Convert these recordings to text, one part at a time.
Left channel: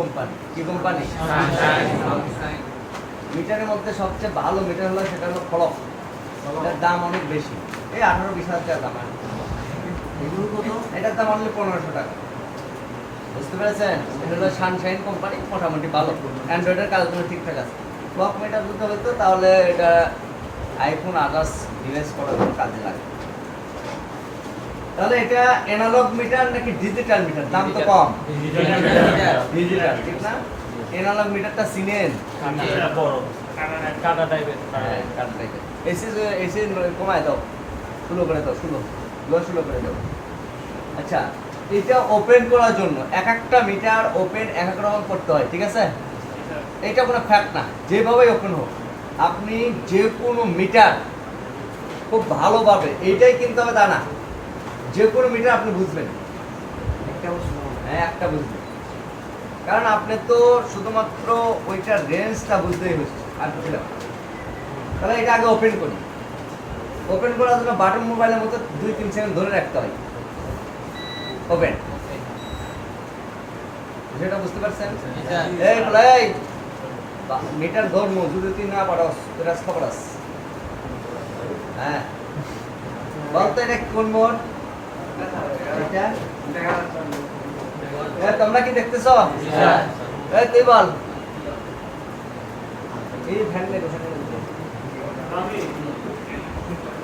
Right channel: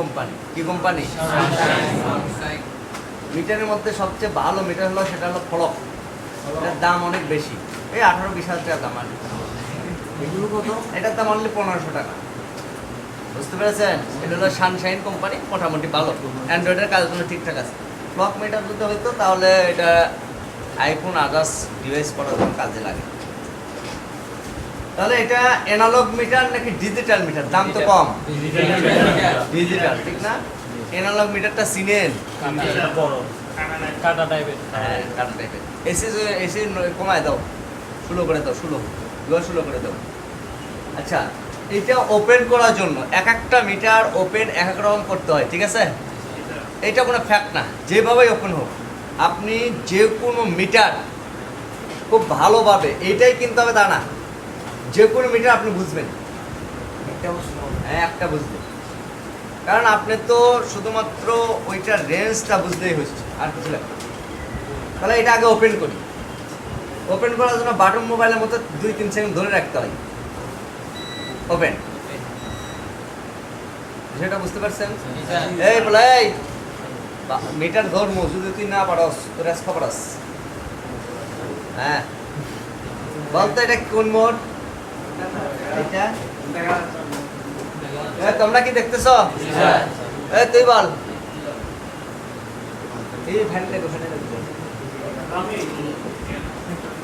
Company. কি company? মিটারের মধ্যে সবচেয়ে ভালো মিটার হলো সেটা হলো ফলক। এটার দাম অনেক বেশি, এই 18-20 হাজার টাকা দাম। এটার দাম অনলি 1500 টাকা। বুঝতে পেরেছেন? এটা হলো সানশাইন কোম্পানি, মোটামুটি ভালো, অ্যান্ড্রয়েডের কাজের জন্য ঠিকঠাক আছে। ক্লক মিটার যদি হইতো তাহলে এটা আইফোন আদার্স ডিভাইস করার জন্য কাজে লাগে। তাহলে এটা অ্যানালগ মিটার নাকি ডিজিটাল মিটার? দাম তো কম। ডিজিটাল, ঠিক না? অ্যানালগ মিটারটা চিনেন? বড় কাটা টাইপের। হ্যাঁ, কাটা টাইপের। এসি কমায় দাও, স্লো করে দাও, স্লো করে দাও। আচ্ছা, এটা ওপেন করার জন্য এক একটা মিটার ওপেন এক এক রকম করতে হয়, ঠিক আছে? এটা কোনো ফ্যাক্ট না, যেভাবেই ওপেন হোক আপনি যে কোনো মিটার খুব ভালোভাবে এইটাই কিনতে হবে তা না, যে কোনো মিটার আপনি বুঝবেন। হ্যাঁ, একটা বুঝবেন, কারণ আপনি তো শুধুমাত্র ওইটার রেঞ্জটা বুঝতেই হচ্ছে, আর কিছু না। তাহলে এটা আগে ওপেন করি। ওপেন করার জন্য বাটন মোবাইলের মতো 2-3 সেকেন্ড ধরে রাখতে হয়। ওপেন, সেটা বুঝতে পারছেন? এই বলে মিটার ধর্ম যদি তুই না পারস তোর খবরাস। হ্যাঁ, বলতো এটা কোন মোড? তোমরা কি দেখতেছ? এই তুই বল। এই ফ্যান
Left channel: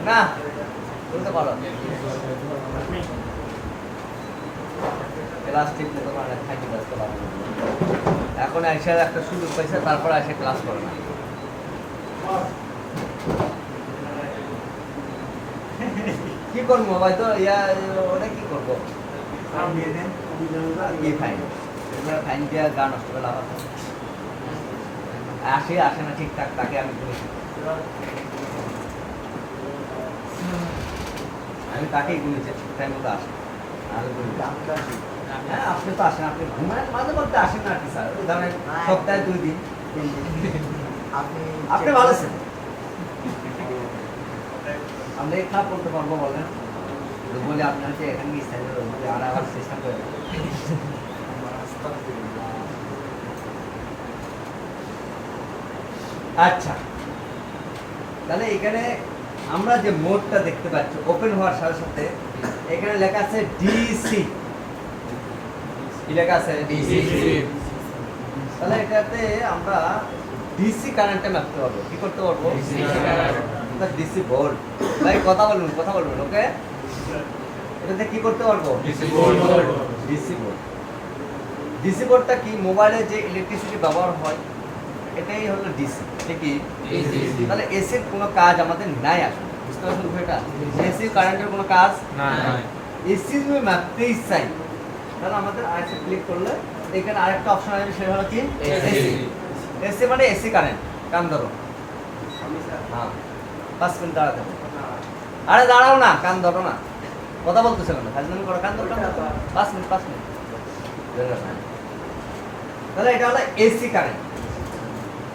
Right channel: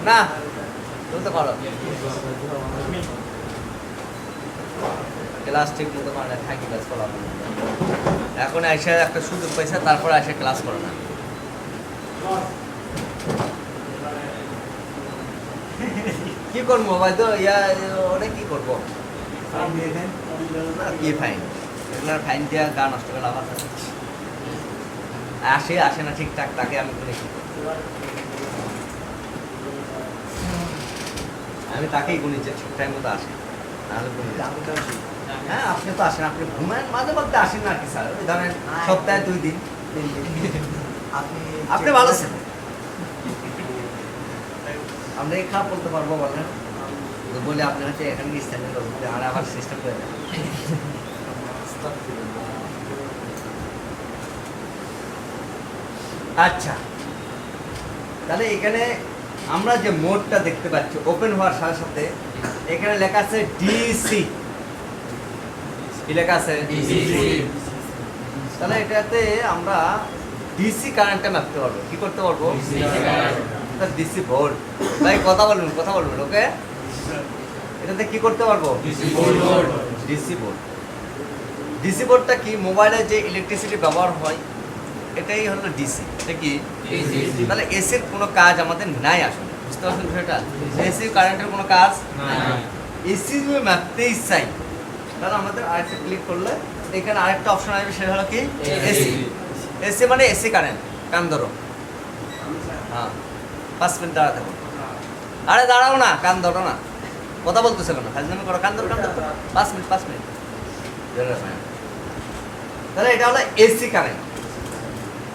না, তুমি তো করো ক্লাস ঠিক মতো মানে থাকি ক্লাস করা। এখন এসে একটা সুযোগ পাইছে, তারপর এসে ক্লাস করে না। কি করবো ভাই, তো ওটা কি করবো? কি ফাইন? এগুলোর ফাইন দেওয়া গা নষ্ট করে লাভ আছে? আসে না ঠিকঠাক, তাকে আমি দেখি, আমি তাকেই গুলি যে ঠিকঠাক মতো আসে। হ্যাঁ, আপনি তো আসেন, আপনি ঘুমায় মাঝে মধ্যে আসেন না কি স্যার? ধরেন সপ্তাহে 2 দিন আপনি ভালো আছেন। আমরা এই খারাপ বলতে পারবো বলেন? বলে আপনি হচ্ছে এখানে স্থানীয় লোক আর আবার চেষ্টা করে। আচ্ছা, তাহলে এখানে আমরা যে মোডটা দেখতে পাচ্ছি ওপেন হওয়ার সাথে সাথে এখানে লেখা আছে ডিসি। কি লেখা আছে? ডিসি। তাহলে এটাতে আমরা ডিসি কারেন্টটা মাপতে পারবো। কি করতে পারবো? DC volt. ভাই কথা বলুন, ওকে? এটাতে কি করতে পারবো? DC volt. ডিসি ভোল্টটা কি? মোবাইলে যে ইলেকট্রিসিটি ব্যবহার হয় এটাই হলো ডিসি। এটা কি? তাহলে এসির কোনো কাজ আমাদের নাই আসলে। বুঝতে পারছেন বিষয়টা? এসি কারেন্টের কোনো কাজ নাই। এসি যদি মাপতেই চাই তাহলে আমাদের আরেকটা ক্লিক করলে এখানে আরেকটা অপশন আসবে, সেটা হলো কি? এসি। এসি মানে এসি কারেন্ট। কান ধরো। হ্যাঁ, 5 মিনিট দাঁড়াতে হবে। আরে দাঁড়াও না, কান ধরো না, কথা বলতেছে কেন? ফাজলামি করো, কান ধরো। 5 মিনিট। তাহলে এটা হলো এসি কারেন্ট।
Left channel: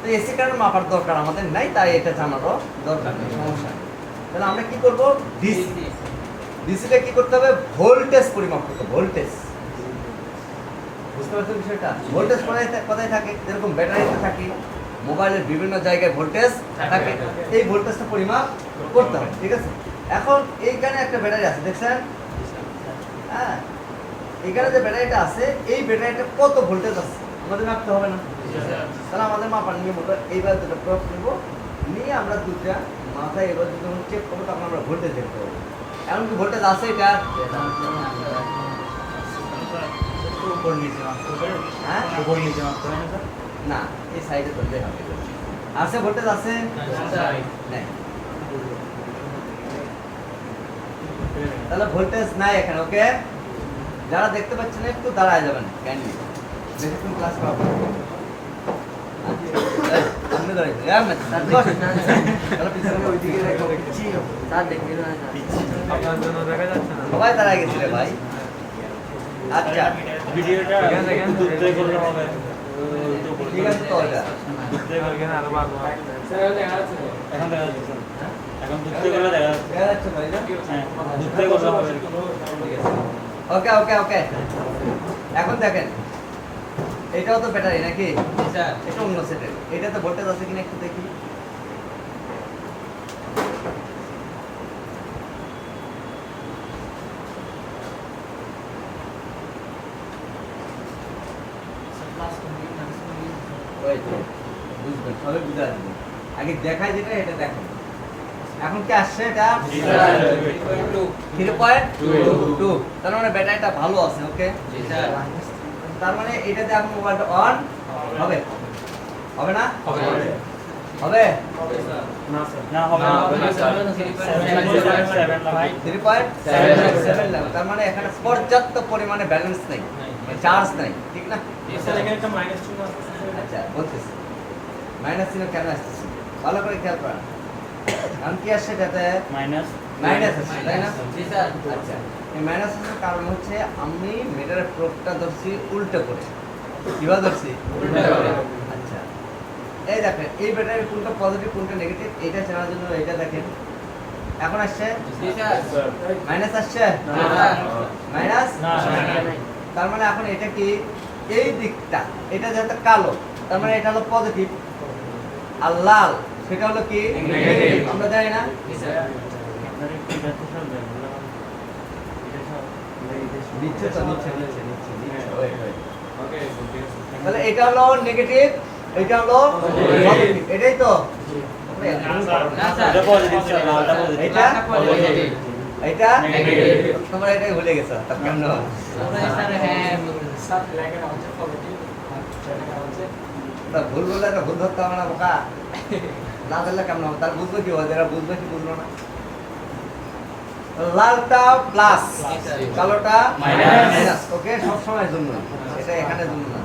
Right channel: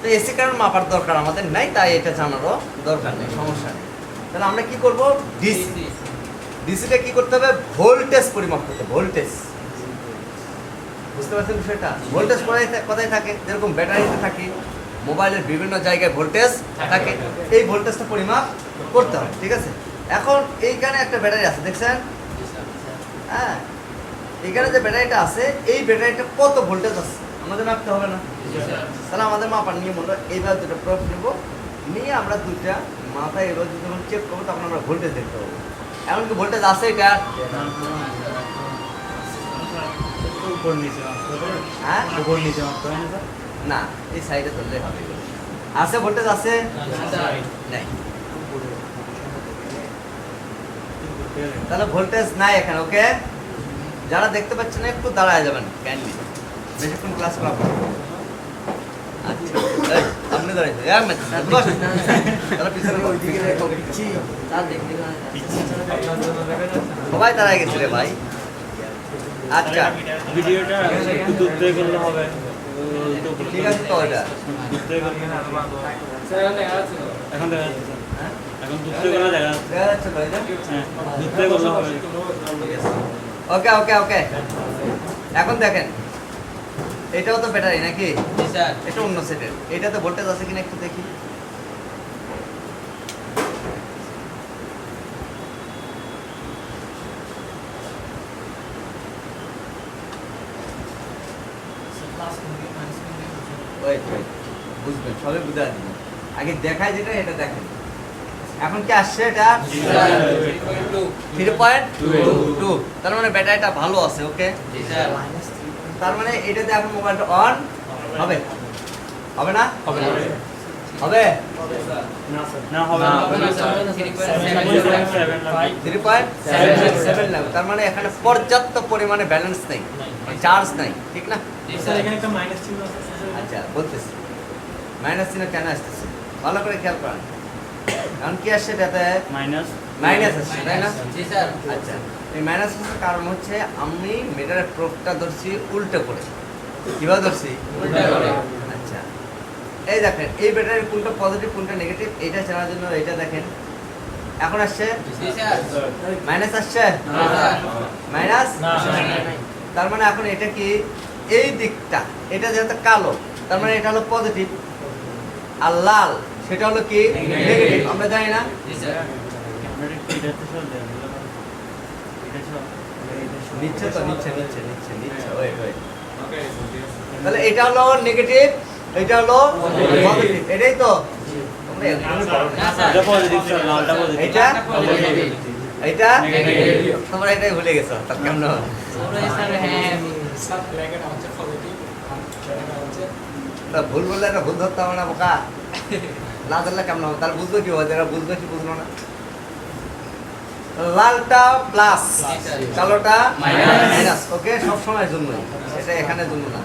তো এসি কারেন্ট মাপার দরকার আমাদের নাই, তাই এটা জানারও দরকার নেই, সমস্যা নেই। তাহলে আমরা কি করব? ডিসি। ডিসিতে কি করতে হবে? ভোল্টেজ পরিমাপ করতে হবে। ভোল্টেজ, বুঝতে পারছেন বিষয়টা? ভোল্টেজ কোথায় থাকে? যেরকম ব্যাটারিতে থাকে, মোবাইলের বিভিন্ন জায়গায় ভোল্টেজ থাকে, এই ভোল্টেজটা পরিমাপ করতে হবে, ঠিক আছে? এখন এইখানে একটা ব্যাটারি আছে, দেখছেন? হ্যাঁ, এখানে যে ব্যাটারিটা আছে এই ব্যাটারিটা কত ভোল্টেজ আছে আমাদের মাপতে হবে না? তাহলে আমাদের মাপার নিয়ম হলো এইবার দুটো প্রব নেব, নিয়ে আমরা দুটা মাথায় এবার যখন চেক করবো তখন আমরা ভোল্টেজ দেখতে পাবো। এমনকি ভোল্টেজ আছে এটা? হ্যাঁ, না, এই সাইডে ধরলে হবে। আছে ভোল্টেজ আছে? নাই। তাহলে ভোল্টেজ নাই এখানে, ওকে? যারা দেখতে পাচ্ছেন একটু দাঁড়ায় যাবেন, ক্যান্ডি বেশিক্ষণ ক্লাস করা হবে। আপনি দাঁড়াই সবাই দাঁড়ায় গেছিলে ভাই। আচ্ছা, ভিডিওটা একটু দূর থেকে করলে হবে। ঠিক আছে তো, ওটা এখন দেখা যাচ্ছে, এখন দূর থেকে গেলে দেখা যাচ্ছে। দেখা যাচ্ছে ভাই? হ্যাঁ, দূর থেকে করলে হবে। ওকে, এখন দেখেন এটাও তো ব্যাটারি নাকি? জি স্যার। এটা অন্য সেটের। এটাতে ভোল্টেজ আছে কিনা একটু দেখি। ওয়েট ওয়েট, বুঝবেন, সবাই বুঝে আসবেন। আগে দেখায় যেটা এটা দেখেন। এখন কি আসছে এটা? জি স্যার। 3.2 3.2। তার মানে ব্যাটারিটা ভালো আছে, ওকে? জি স্যার। তার মানে এটাতে এখন মোবাইলটা অন হবে। হবে না? হবে। হবে? না হবে না, না। হবে না স্যার। 3.7 3.7 লাগবে। তার মানে এখানে পর্যাপ্ত পরিমাণে ব্যালেন্স নেই, চার্জ নাই, ঠিক না? জি স্যার। আচ্ছা, বলতেছি মাইনাস চিহ্ন কেন আসতেছে ভালো করে খেয়াল করেন। কারণ কি আসছে এটাতে? মাইনাস মাইনাস আসছে, তাই না? জি স্যার। আচ্ছা, এই মাইনাস আসার কারণ হচ্ছে আমি মিটারের প্রোবটা ধরছি উল্টো করে। কিভাবে ধরছি? উল্টা করে। আচ্ছা, এই দেখেন এই ব্যাটারির কোনটা পজিটিভ কোনটা নেগেটিভ এটা জানার জন্য এটা দেখেন। এখন আসছে জি স্যার। মাইনাস আসছে, না স্যার। মাইনাস। না। তার মানে এখন এটা কি এই দিকটা এটা যেহেতু কালো তার মানে এটা হলো পজিটিভ, আর লাল সেটা হলো কি নেগেটিভ। আমরা জানি না? জি স্যার। আপনার একটু এটাতে সব দেন। এটা সব নিচ্ছে তো, নিচ্ছে নিচ্ছে নিচ্ছে নিচ্ছে, ওই ওই। তাহলে এটা হলো নেগেটিভ, এটা হলো পজিটিভ, এটাই তো? না স্যার। এটা পজিটিভ ছিল না, এটা পজিটিভ। এটা পজিটিভ। এটা নেগেটিভ। তোমরা এটাই ভুলে গেছো, তার কেমন হয়? আমরা স্যার হ্যাঁ তা ভুল বললে একটা ভুল ধরতে হবে না বোকা, না ধরলে কেমন হবে? তার বুঝলো কি হয়, যারা বুঝলো কি বুঝলো না? লালটা প্লাস, জি স্যার। কালোটা মাইনাস। মাইনাস, ওকে? সব সময়ের জন্য, এটা এখানের জন্য না।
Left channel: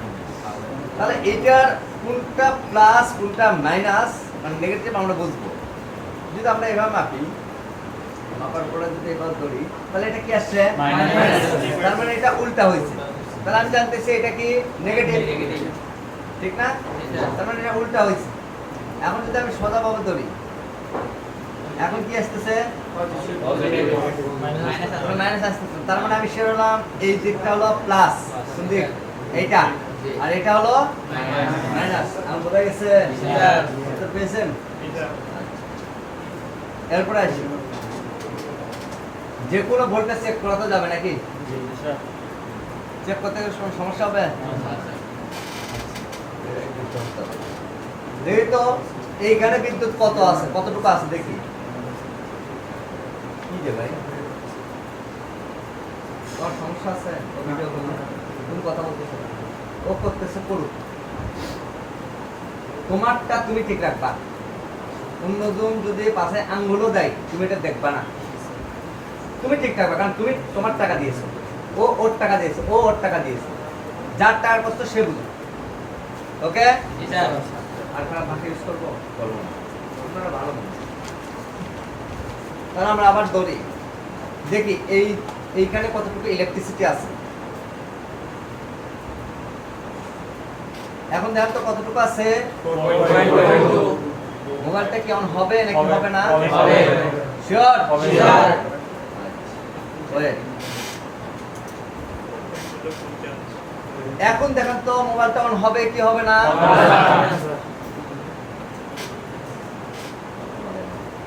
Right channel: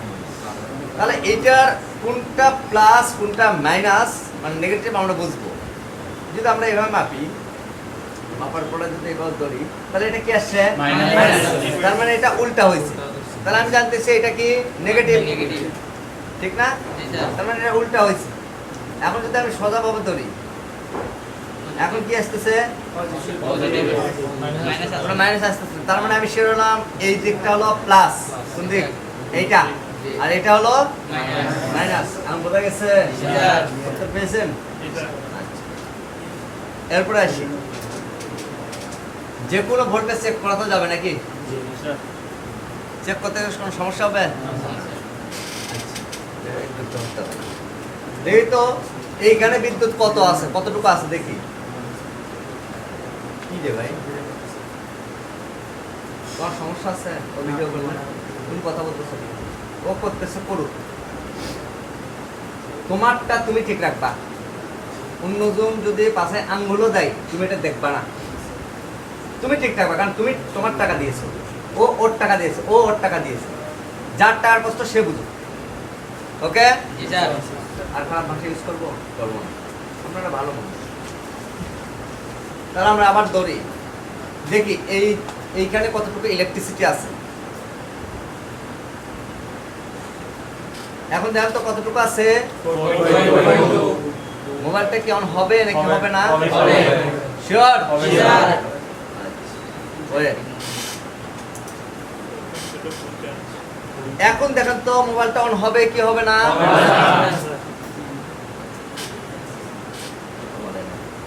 তাহলে এটার কোনটা প্লাস কোনটা মাইনাস মানে নেগেটিভ আমরা বুঝবো যদি আমরা এভাবে মাপি। মাপার পরে যদি এভাবে ধরি তাহলে এটা কি আসছে? মাইনাস। তার মানে এটা উল্টা হয়েছে। তাহলে আমি জানতেছি এটা কি নেগেটিভ, নেগেটিভ। ঠিক না? জি স্যার। তার মানে এটা উল্টা হয়েছে। এখন যদি আমি সোজাভাবে ধরি এখন কি আসতেছে? পজিটিভ। মাইনাস আছে। মাইনাস আসতেছে। তার মানে আমি শিরোনাম এই দিকটা হলো প্লাস, কোন দিক? এইটা। আর এটা হলো মাইনাস। মাইনাস। আমি বোঝা গেছে? জি স্যার। উত্তর পেয়েছেন? আচ্ছা। এরপরে আসি, যে কোনো ভোল্টেজ চেক করা তো যাবে নাকি? জি স্যার। চেক করতে গেলে কোনো সমস্যা হবে? দেখি তো এইখানে বিদ্যুৎ কত আছে, কতটুকু আছে দেখি। কি রে ভাই, তোমার সমস্যা আছে? ও ভিডিও করলে তুমি কথা বলতেছো না। ও করতেছে করুক, তোমারটা তুমি ঠিক রাখবা। অন্যজন যদি পাশে আঙ্গুলও দেয় তুমি এটা দেখবা না, তুমি ঠিক থাকবা। কারণ তুমি তোমার টাকা দিয়েছো, ও ওর টাকা দিয়েছে, ও ওর টাকা দিয়েছে, যার টাকার কষ্ট সে বুঝবে, ওকে? জি স্যার। আর খারাপ ভাষা ইউজ করবো করবো না, আপনারা ভালো মানুষ। তাহলে আমরা আবার ধরি, দেখি এইখানে কতটুকু ইলেকট্রিসিটি আছে। এখন দেখেন তো কতটুকু আছে। 4.2 মোবাইলটা কি অন হবে নাকি হবে না? হবে। শিওর? জি স্যার। এখন দেখেন তো মোবাইলটা অন হবে কি হবে না?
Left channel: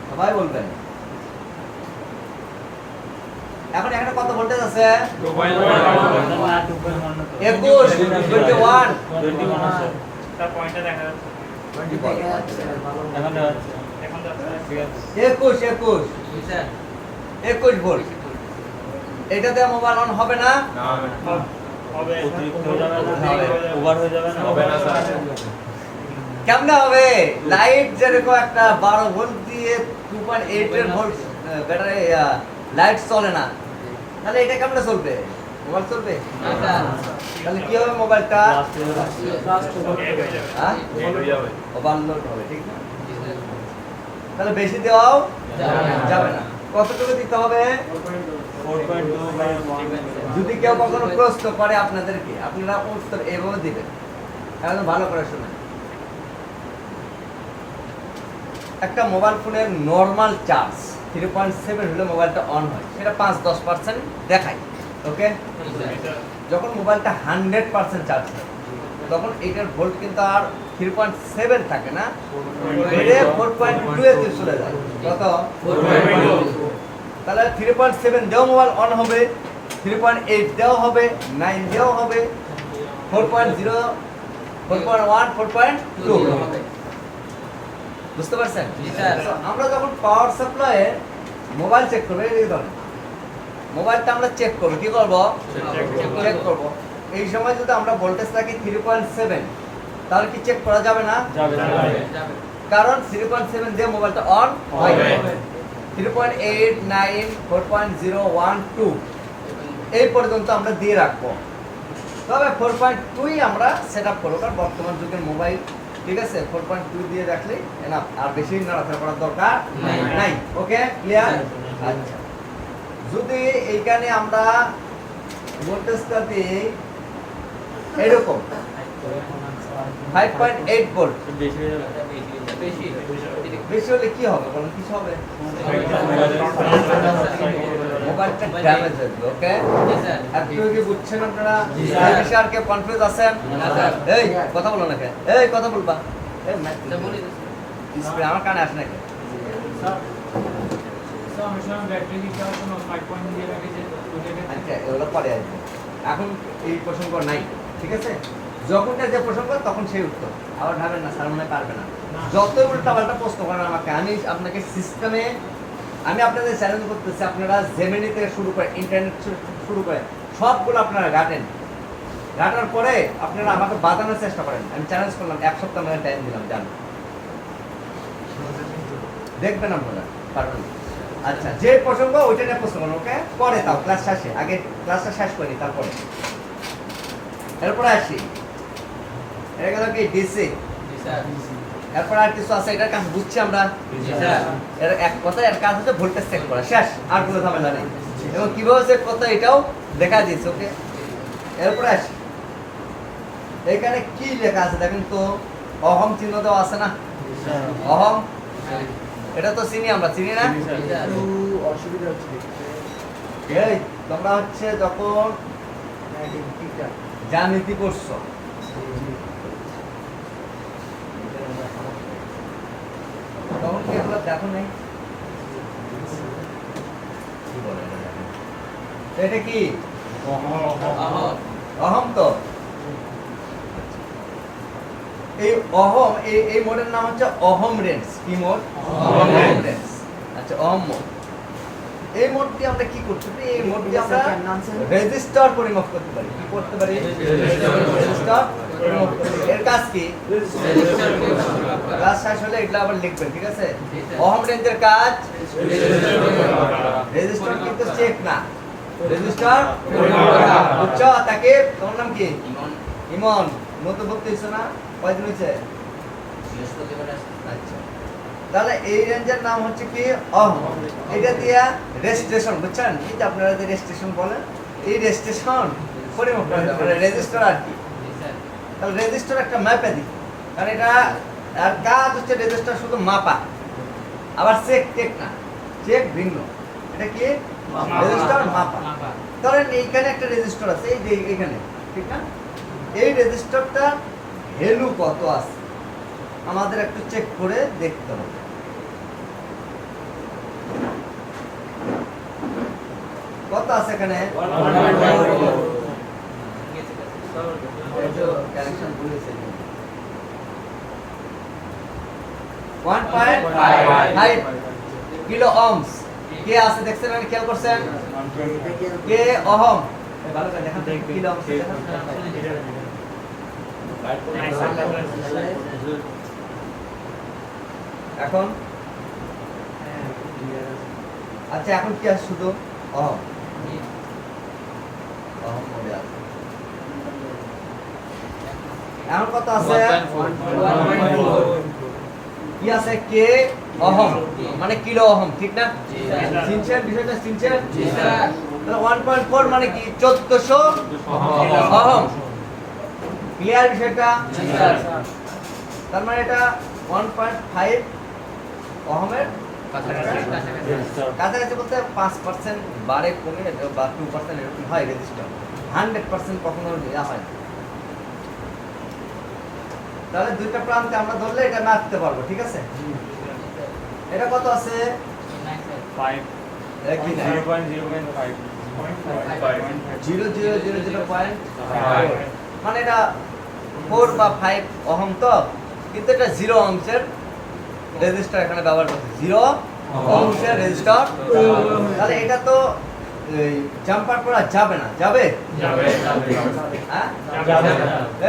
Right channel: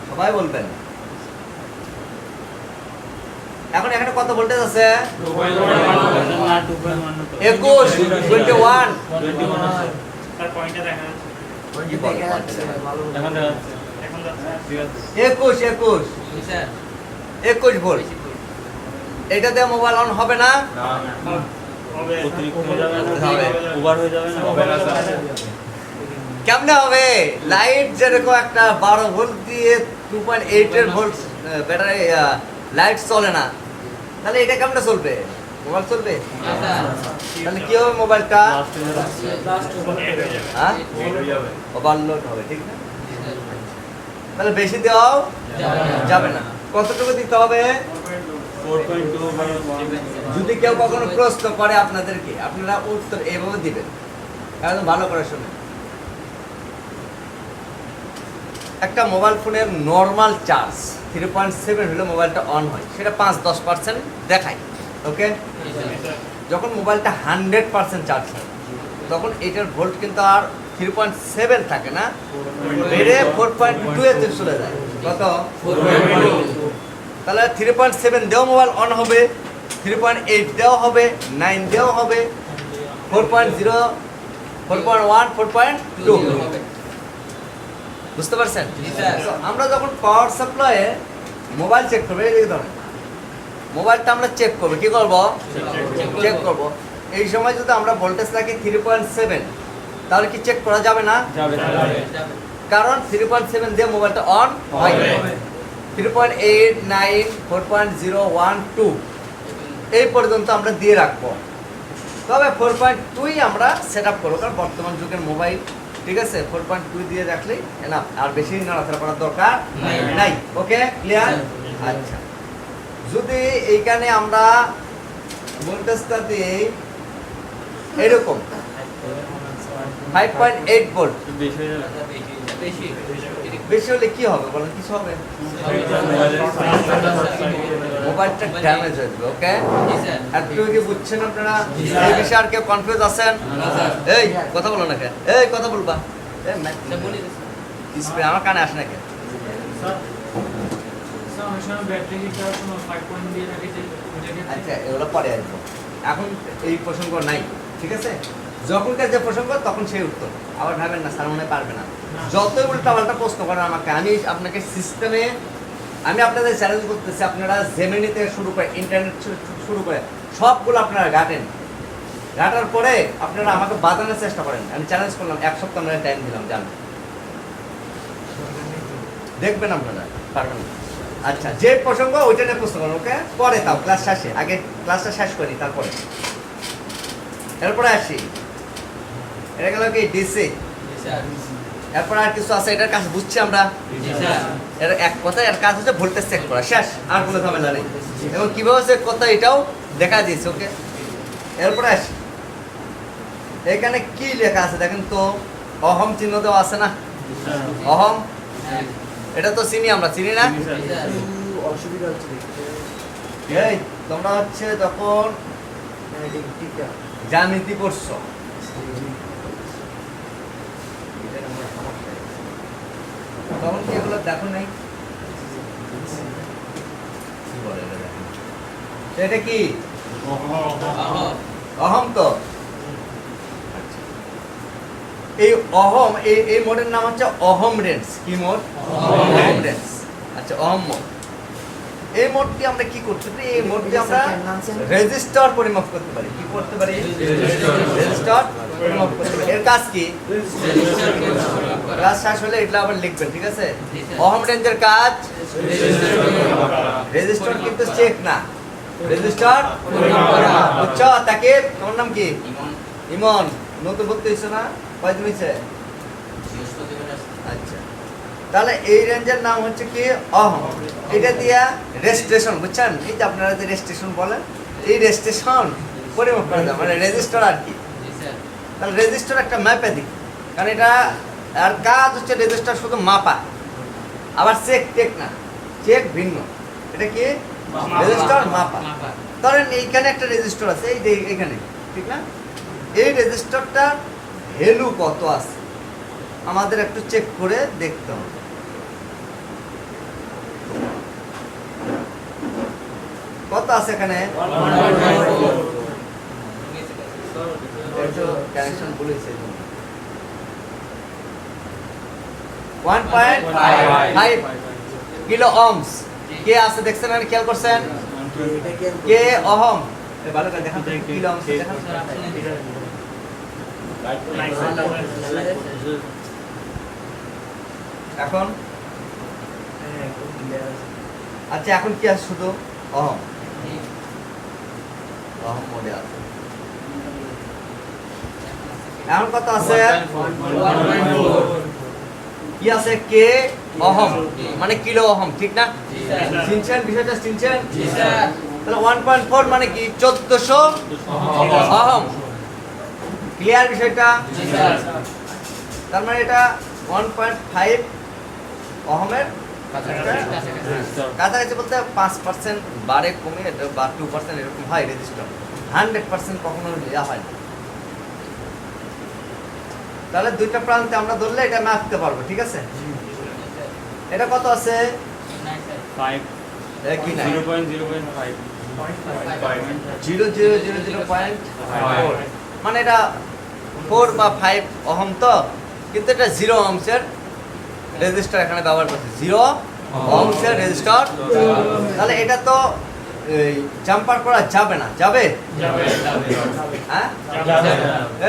সবাই বলবেন। এখন এখানে কত ভোল্টেজ আছে? 21, 21। এখন ঠিক আছে। 21 জি স্যার। 21 ভোল্ট। এটাতে মোবাইল অন হবে না? অতিরিক্ত হয়ে যাবে না? ওভার হয়ে যাবে না? হবে না স্যার। কেমনে হবে? লাইট যেরকম একটা 12 ভোল্ট দিয়ে 2.8 এর ভোল্ট ব্যাটারি লাইট চলে না, তাহলে এটা কেমনে চলবে? মোবাইল চলবে? না স্যার। তাহলে কি হবে মোবাইলটা? হ্যাঁ, নেট হয়ে যাবে। ওভারলোড হবে, ঠিক না? জি স্যার। তাহলে বেশি দেওয়াও যাবে না। যাবে না। কতটুকু দিতে হবে? 4.2 যদি কেউ কখনো প্রশ্ন করে আপনাদেরকে, আপনারা উত্তর এইভাবে দিবেন, কারণ ভালো করে শুনুন। একটা মোবাইল ফোনের নর্মাল চার্জ 3.7 হলে মোবাইলটা অন হয়, সেটা 5-10% দেখায়, ওকে? জি স্যার। যখন মোবাইলটা 100% চার্জ হয় তখন এটার ভোল্ট কিন্তু আর 3.7 থাকে না, বেড়ে 4.2 এ চলে যায়। কত? 4.2 তাহলে 3.7 দেও মোবাইল অন হবে, 3.8 দেও হবে, 9 দেও হবে, 4.0, 4.1, 4.2 হবে। বুঝতে পারছেন? জি স্যার। তো আমরা যখন পাওয়ার সাপ্লাইয়ে মোবাইল চেক করবো, এই ধরুন মোবাইলটা আমরা চেক করবো, কি করবো? চেক করব। এই সময় যদি আমরা ভোল্টেজ রাখি 3.7, তাহলে কি চেক করা যাবে না? যাবে যাবে। কারণ 3.7 দিয়ে মোবাইলটা অন হয়। হবে। 3.8, 9, 4.0, 1, 2 এই পর্যন্ত আমরা দিয়ে রাখবো। তবে 4.2 আমরা সেট আপ করবো, কারণ বর্তমান যুগের মোবাইল, ঠিক আছে, 4.2 দিয়ে রাখলেই এনাফ, আর বেশি নাড়াচাড়া করার দরকার নাই। ওকে, ক্লিয়ার? আচ্ছা, যদি এইখানে আমরা ভোল্টেজটা দিই এরকম 5.8 ভোল্ট, বেশি হয়ে যাবে। বেশি। বেশি হলে কি হবে বলেন? কিছু হবে? মোবাইলটা ড্যামেজ হয়ে যাবে। ওকে, জি স্যার। একটু কি বুঝছেন আপনারা? জি এই স্যার। বিষয়ে আর কেউ কনফিউজ আছেন? না স্যার। এই কথা বলো না কে? এই কথা বলবা? এই এটা বলি তো স্যার। ডিসপ্লে আমার কানে আসে না কে? আচ্ছা, এগুলো পরে আসবো, এখন এই প্রসঙ্গ নাই, ঠিক আছে? যখনকার যে প্রসঙ্গ তখন সেই উত্তর, আবার ভাবেন না স্যার মনে হয় পারবে না। যতই উল্টা পাল্টা প্রশ্ন করেন আমাকে, আমি আপনাকে সিস্টেমে, আমি আপনাদের চ্যালেঞ্জ করতেছি, আপনারা জেমিনি থেকে শুরু করে ইন্টারনেট শুরু করে সবগুলো আপনারা ঘাটেন, ঘাটার পরে আপনারা আমাকে বাঁধানোর চেষ্টা করেন। আমি চ্যালেঞ্জ করলাম, 1 সপ্তাহ আমরা টাইম দিলাম, জান দেখবেন আপনারা পারবেন। আচ্ছা, যে প্রসঙ্গ ওইটা নিয়ে প্রশ্ন করেন, ওকে? পরে তাও ক্লাস শেষে, আগে ক্লাসটা শেষ করি তারপরে, এরপরে আসি। এটা গেল কি ডিসি। জি স্যার। এরপর আর কিছু আছে, এটার কাজ বুঝছি আমরা। জি স্যার। এর এক কথা, এর কাজ হচ্ছে ভোল্টেজ চেক করা, শেষ, আর কোনো ঝামেলা নেই। এবং কিভাবে চেক করতে হয় এটাও দেখা দিয়েছে। ওকে, এরপরে আসি। এখানে কি লেখা আছে দেখেন তো, অহম চিহ্ন দেওয়া আছে না? অহম, হ্যাঁ। এটা তো চিনি, আমরা চিনি না? জি স্যার। অসুবিধা হচ্ছে এই তোমরা হচ্ছে যখন জ্যামিতি পড়ছো, তখন কি এগুলো দেখো নাই? কি বলে এটা দেখো। এটা কি অহর। অহম? তো এই অহম, এই মোডের নাম হচ্ছে অহম রেঞ্জ। কি মোড? অহম রেঞ্জ। আচ্ছা, অহম মোড। এই মোডটি আমরা কি করতে পারি? এই মোডটি আমরা রেজিস্টার পরিমাপ করতে পারি। কি করতে পারি? রেজিস্টার পরিমাপ করতে পারি। এর কাজ কি? ক্লাস শেষ হলে এগুলো আবার লিখবেন, ঠিক আছে? অহম রেঞ্জের কাজ রেজিস্টার, কিন্তু চেক না, রেজিস্টার বুঝছো? তাকে তোমার নাম কি? ইমন। নতুন ভর্তি হয়েছে না? কয়দিন হয়েছে? আচ্ছা, তাহলে এই রেঞ্জের নাম হচ্ছে কি? অহম। এটা দিয়া রেজিস্ট্রেশন, বুঝছেন? এই যে আপনারা যে রেজিস্ট্রেশন বলেন, এই রেজিস্ট্রেশন পরিমাপ করা যায়, মানে রেজিস্টার আর কি। জি স্যার। তাহলে রেজিস্টার একটা ম্যাপাদিক, কারণ এটা আর কাজ হচ্ছে রেজিস্টার শুধু মাপা, আবার চেক টেক না, চেক ভিন্ন। এটা কি? রেজিস্টার মাপা। মাপা। ধরেন এইখানে একটা রেজিস্টার আছে, এই যে এখানে, ঠিক না? এই রেজিস্টারটার ভ্যালু কত আছে আমাদের একটু চেক করে দেখতে হবে। কত আছে এখানে? 1.4 ওই যে কানেকশন বলেছে 1.5 কিলো ওহমস। কে আছে দেখছেন আর খেয়াল করছেন? কে ওহম? এই ভালো করে দেখেন তো, কিলো ওহমস দেখেন। এখন আচ্ছা, এখন কি আছে? শুধু অহম, অহম মোডে আছে। এখন কত আছে? 1.4 কি আছে? কে অহম, মানে কিলো অহম, ঠিক না? জি স্যার। চিনছেন বিষয়টা? চিনছেন? জি স্যার। তাহলে 1.4 মানে কি? 1400 অহম। ক্লিয়ার বিষয়টা? জি স্যার। তার মানে এটা 1.5 অহমের কাছাকাছি, বলতে 5% বাড়ে কমে বা 2% এরকম হয় রেজিস্টার। 100% কখনো দেওয়া হয় না। তাহলে দুইটা প্রান্তে আমরা ধরলে এটা মাপতে পারবো, ঠিক আছে? এটা কত আছে? 5 একই না 0.0.5 0.000.4 মানে এটা 4 বা 5 ওহম তো, কিন্তু এটা 0 ওহমসের রেজিস্টার এখানে ব্যবহার করছে, 0 ওহমসের রেজিস্টার। তাহলে এটা তো এই জাম্পার করা যাবে না, যাবে? হ্যাঁ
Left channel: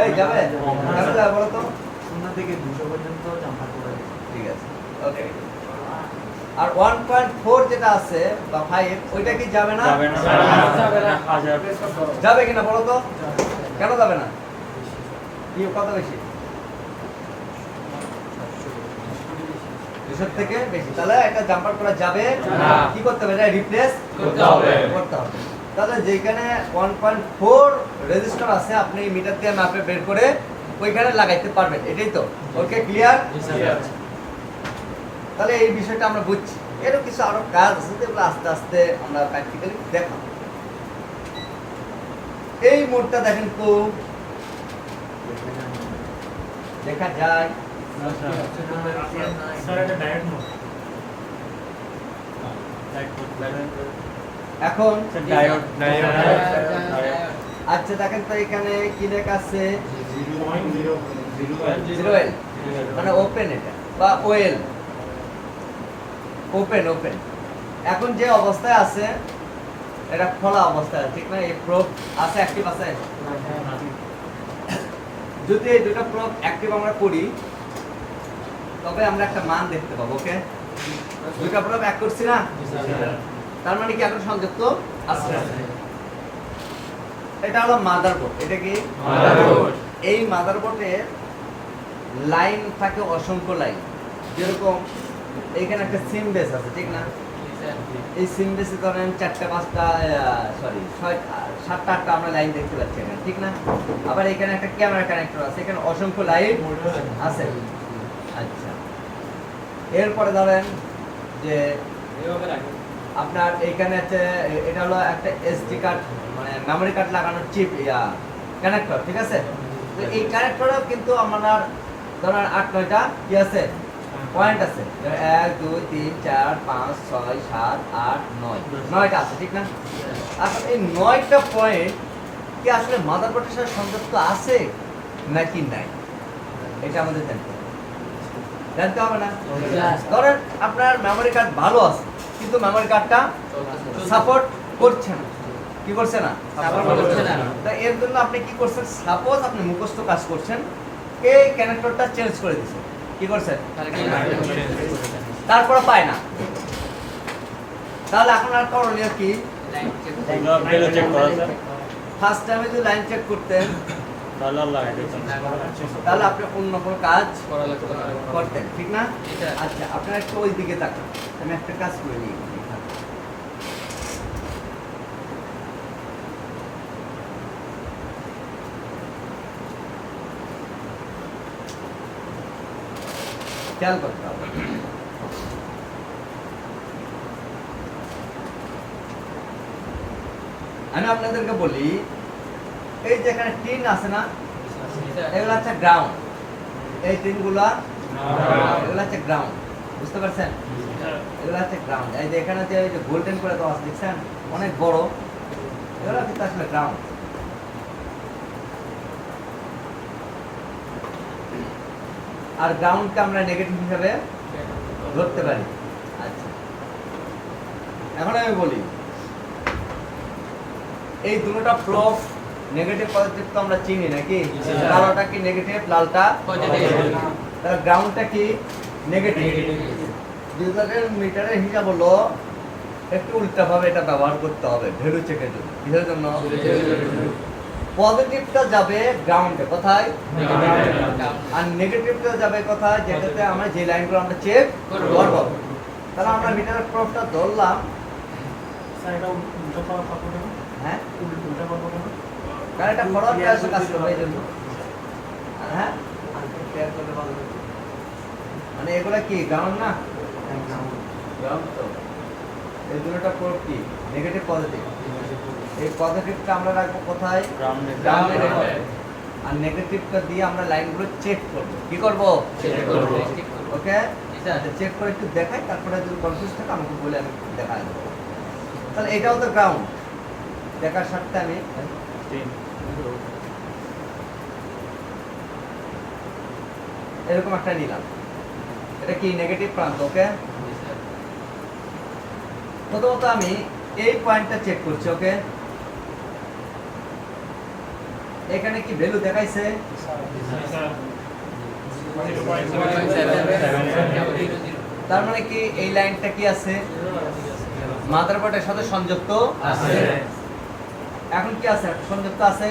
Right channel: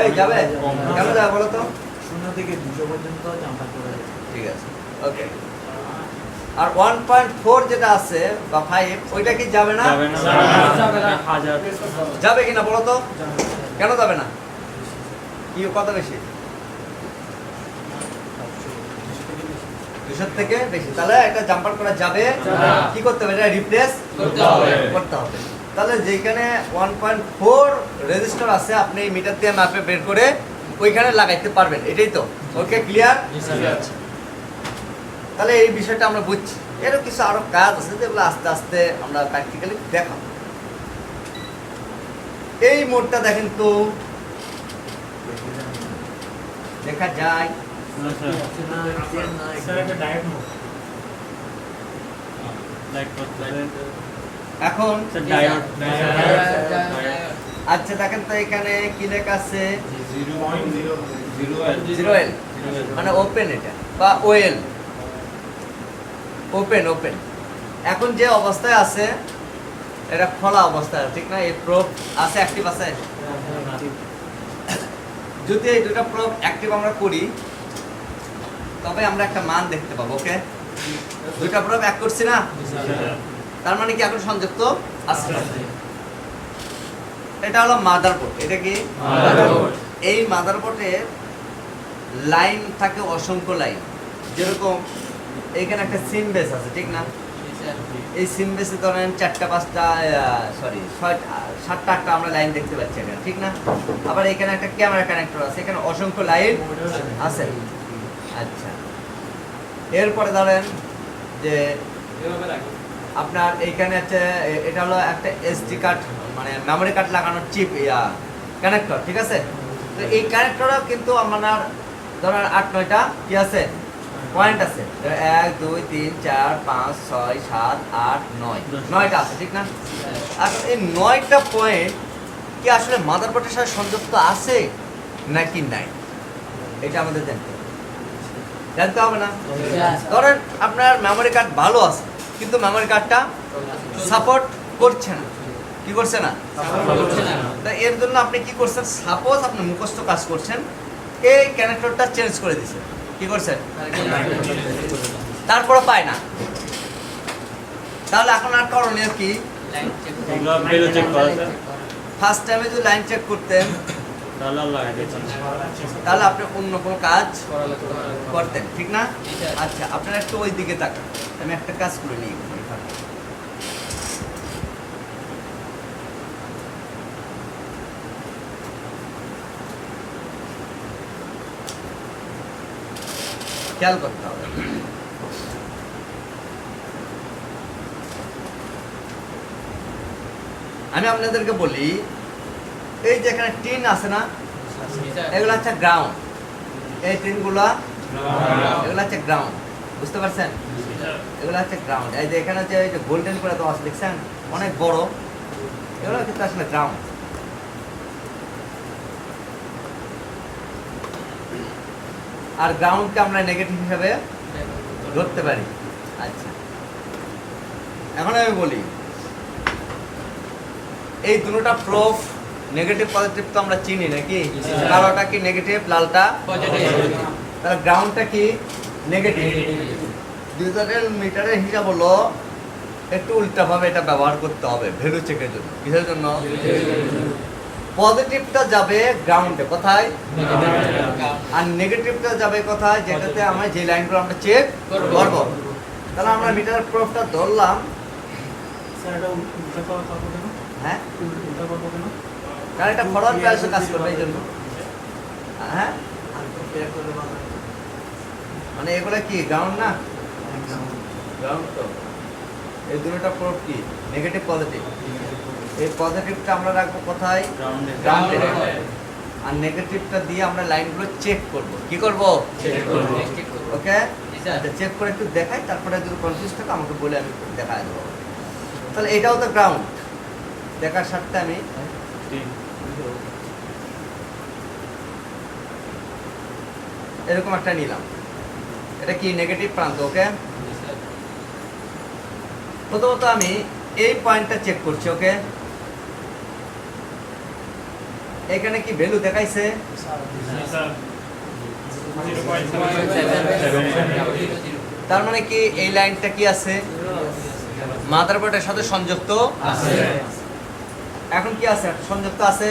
এই যাবে, কেন যাবে বলো তো? 0 থেকে 200 পর্যন্ত জাম্পার করা যায়। ঠিক আছে, ওকে। আর 1.4 যেটা আছে বা 5 ওইটা কি যাবে না? যাবে না যাবে না। 1000 যাবে কিনা বলো তো? কেন যাবে না? কি কত বেশি? 200 থেকে বেশি, তাহলে একটা জাম্পার করা যাবে না। কি করতে হবে? এটা রিপ্লেস করতে হবে। করতে হবে। তাহলে যেখানে 1.4 রেজিস্টার আছে আপনি মিটার দিয়ে মাপে বের করে ওইখানে লাগাইতে পারবেন, এটাই তো? ওকে, ক্লিয়ার? তাহলে এই বিষয়টা আমরা বুঝছি। এরও কিছু আরো কাজ আছে যেগুলো আস্তে আস্তে আমরা প্র্যাকটিক্যালি দেখাবো। এই মোডটা দেখেন তো, দেখা যায় স্যার এটা ডায়েট মোড। এখন। ডায়োড আচ্ছা দেখেন তো এখানে কি লেখা আছে? 0.0 0L মানে ওপেন, এটা বা ওএল, ওপেন ওপেন। এখন যে অবস্থায় আছে এটা খোলা অবস্থায়, ঠিক না? এই প্রোব আছে, অ্যাক্টিভ আছে। যদি এই দুটো প্রোব অ্যাক্টিভ আমরা করি তবে আমরা একটা মান দেখতে পাবো, ওকে? দুইটা প্রোব এক করছি না, তার মানে কি এখন সংযুক্ত আছে। এটা হলো মাদারবোর্ড। এটা কি মাদারবোর্ড। এই মাদারবোর্ডের লাইন থাকে অসংখ্য লাইন, যেরকম এইখানে একটা সিম বেস আছে, ঠিক না? এই সিম বেসে ধরেন 4টা 5টা সরি 7টা 8টা আমরা লাইন দেখতে পাচ্ছি এখানে, ঠিক না? আবার এখানে একটা ক্যামেরা কানেক্টর আছে, এখানে অসংখ্য লাইন আছে। আচ্ছা, এরপরে ধরেন যে আপনার এখানে আছে, এটা হলো একটা এসডি কার্ড মানে মেমরি কার্ড লাগানোর চিপ কানেক্টর, ঠিক আছে? তো এই কানেক্টরও কিন্তু আপনার ধরেন 8-9টা কি আছে, পয়েন্ট আছে। 1 2 3 4 5 6 7 8 9 9টা আছে, ঠিক না? আসলে এই 9টা পয়েন্ট কি আসলে মাদারবোর্ডের সাথে সংযুক্ত আছে নাকি নাই, এটা আমাদের জানতে হবে না? ধরেন আপনার মেমরি কার্ড ভালো আছে কিন্তু মেমরি কার্ডটা সাপোর্ট করছে না, কি করছে না? করছে না। তা এর জন্য আপনি কি করছেন? সাপোজ আপনি মুখস্থ কাজ করছেন, এই কানেক্টরটা চেঞ্জ করে দিয়েছেন, কি করছেন? তারপরে পায় না, তাহলে এখন আর করণীয় কি? বেলে চেক করা যায় ফার্স্ট টাইমে যদি লাইন চেক করতেন তাহলে আল্লাহ আইডিয়া তাহলে আপনি অন্য কোনো কাজ করতেন, ঠিক না? আচ্ছা, আপনারা একটু ওই দিকে তাকান, আমি একটা কাজ করে নিই। খেয়াল করতে হবে। আমি আপনাদেরকে বলি, এই যে এখানে টিন আছে না, এগুলো হচ্ছে গ্রাউন্ড। এই টিনগুলা এগুলো হচ্ছে গ্রাউন্ড, বুঝতে পারছেন? এগুলো হচ্ছে গ্রাউন্ড। এই যে এখানে যে গোল্ডেন করে দেওয়া আছে দেখছেন, অনেক বড়, এগুলো কিন্তু আসলে গ্রাউন্ড। আর গ্রাউন্ডকে আমরা নেগেটিভ হিসাবে ধরতে পারি। আচ্ছা, এখন আমি বলি এই দুটোটা প্রুফ নেগেটিভ পজিটিভ তো আমরা চিনি নাকি? কালোটা কি নেগেটিভ, লালটা পজিটিভ। তাহলে গ্রাউন্ডটা কি নেগেটিভ। ডিজিটাল মিটারের হিসাব হলো একটু উল্টাভাবে এটা ব্যবহার করতে হবে ভ্যালু চেকের জন্য। কিসের জন্য? পজিটিভটা যাবে গ্রাউন্ডে, কোথায়? আর নেগেটিভটা যাবে কোথায়? যেটাতে আমরা যে লাইনগুলো আমরা চেক করব। তাহলে আমরা মিটারের প্রুফটা ধরলাম। স্যার এটা উল্টা পাবো কেন? হ্যাঁ, উল্টা পাবো কেন? কারণ এটা ফরওয়ার্ড ক্লাসে কাজ করবে এই জন্য। হ্যাঁ, মানে এগুলা কি গ্রাউন্ড না? গ্রাউন্ড তো। এই দুটোটা প্রুফ কি নেগেটিভ পজিটিভ। এই পজিটিভটা আমরা রাখবো কোথায়? গ্রাউন্ডে গ্রাউন্ডে। আর নেগেটিভটা দিয়ে আমরা লাইনগুলো চেক করব। কি করব? ওকে, আচ্ছা চেক করে একটু দেখাই, তারপরে যদি কনফিউজ থাকে আমাকে বলে আমি দেখাই দেবো। তাহলে এটাও তো গ্রাউন্ড, দেখার সাথে আমি এরকম একটা নিলাম, এটা কি নেগেটিভ প্রান্ত। ওকে, প্রথমত আমি এই পয়েন্টটা চেক করছি। ওকে, এখানে কি ভ্যালু দেখাইছে? তার মানে কি এই লাইনটা কি আছে? মাদারবোর্ডের সাথে সংযুক্ত আছে। এখন কি আছে? সংযুক্ত আছে।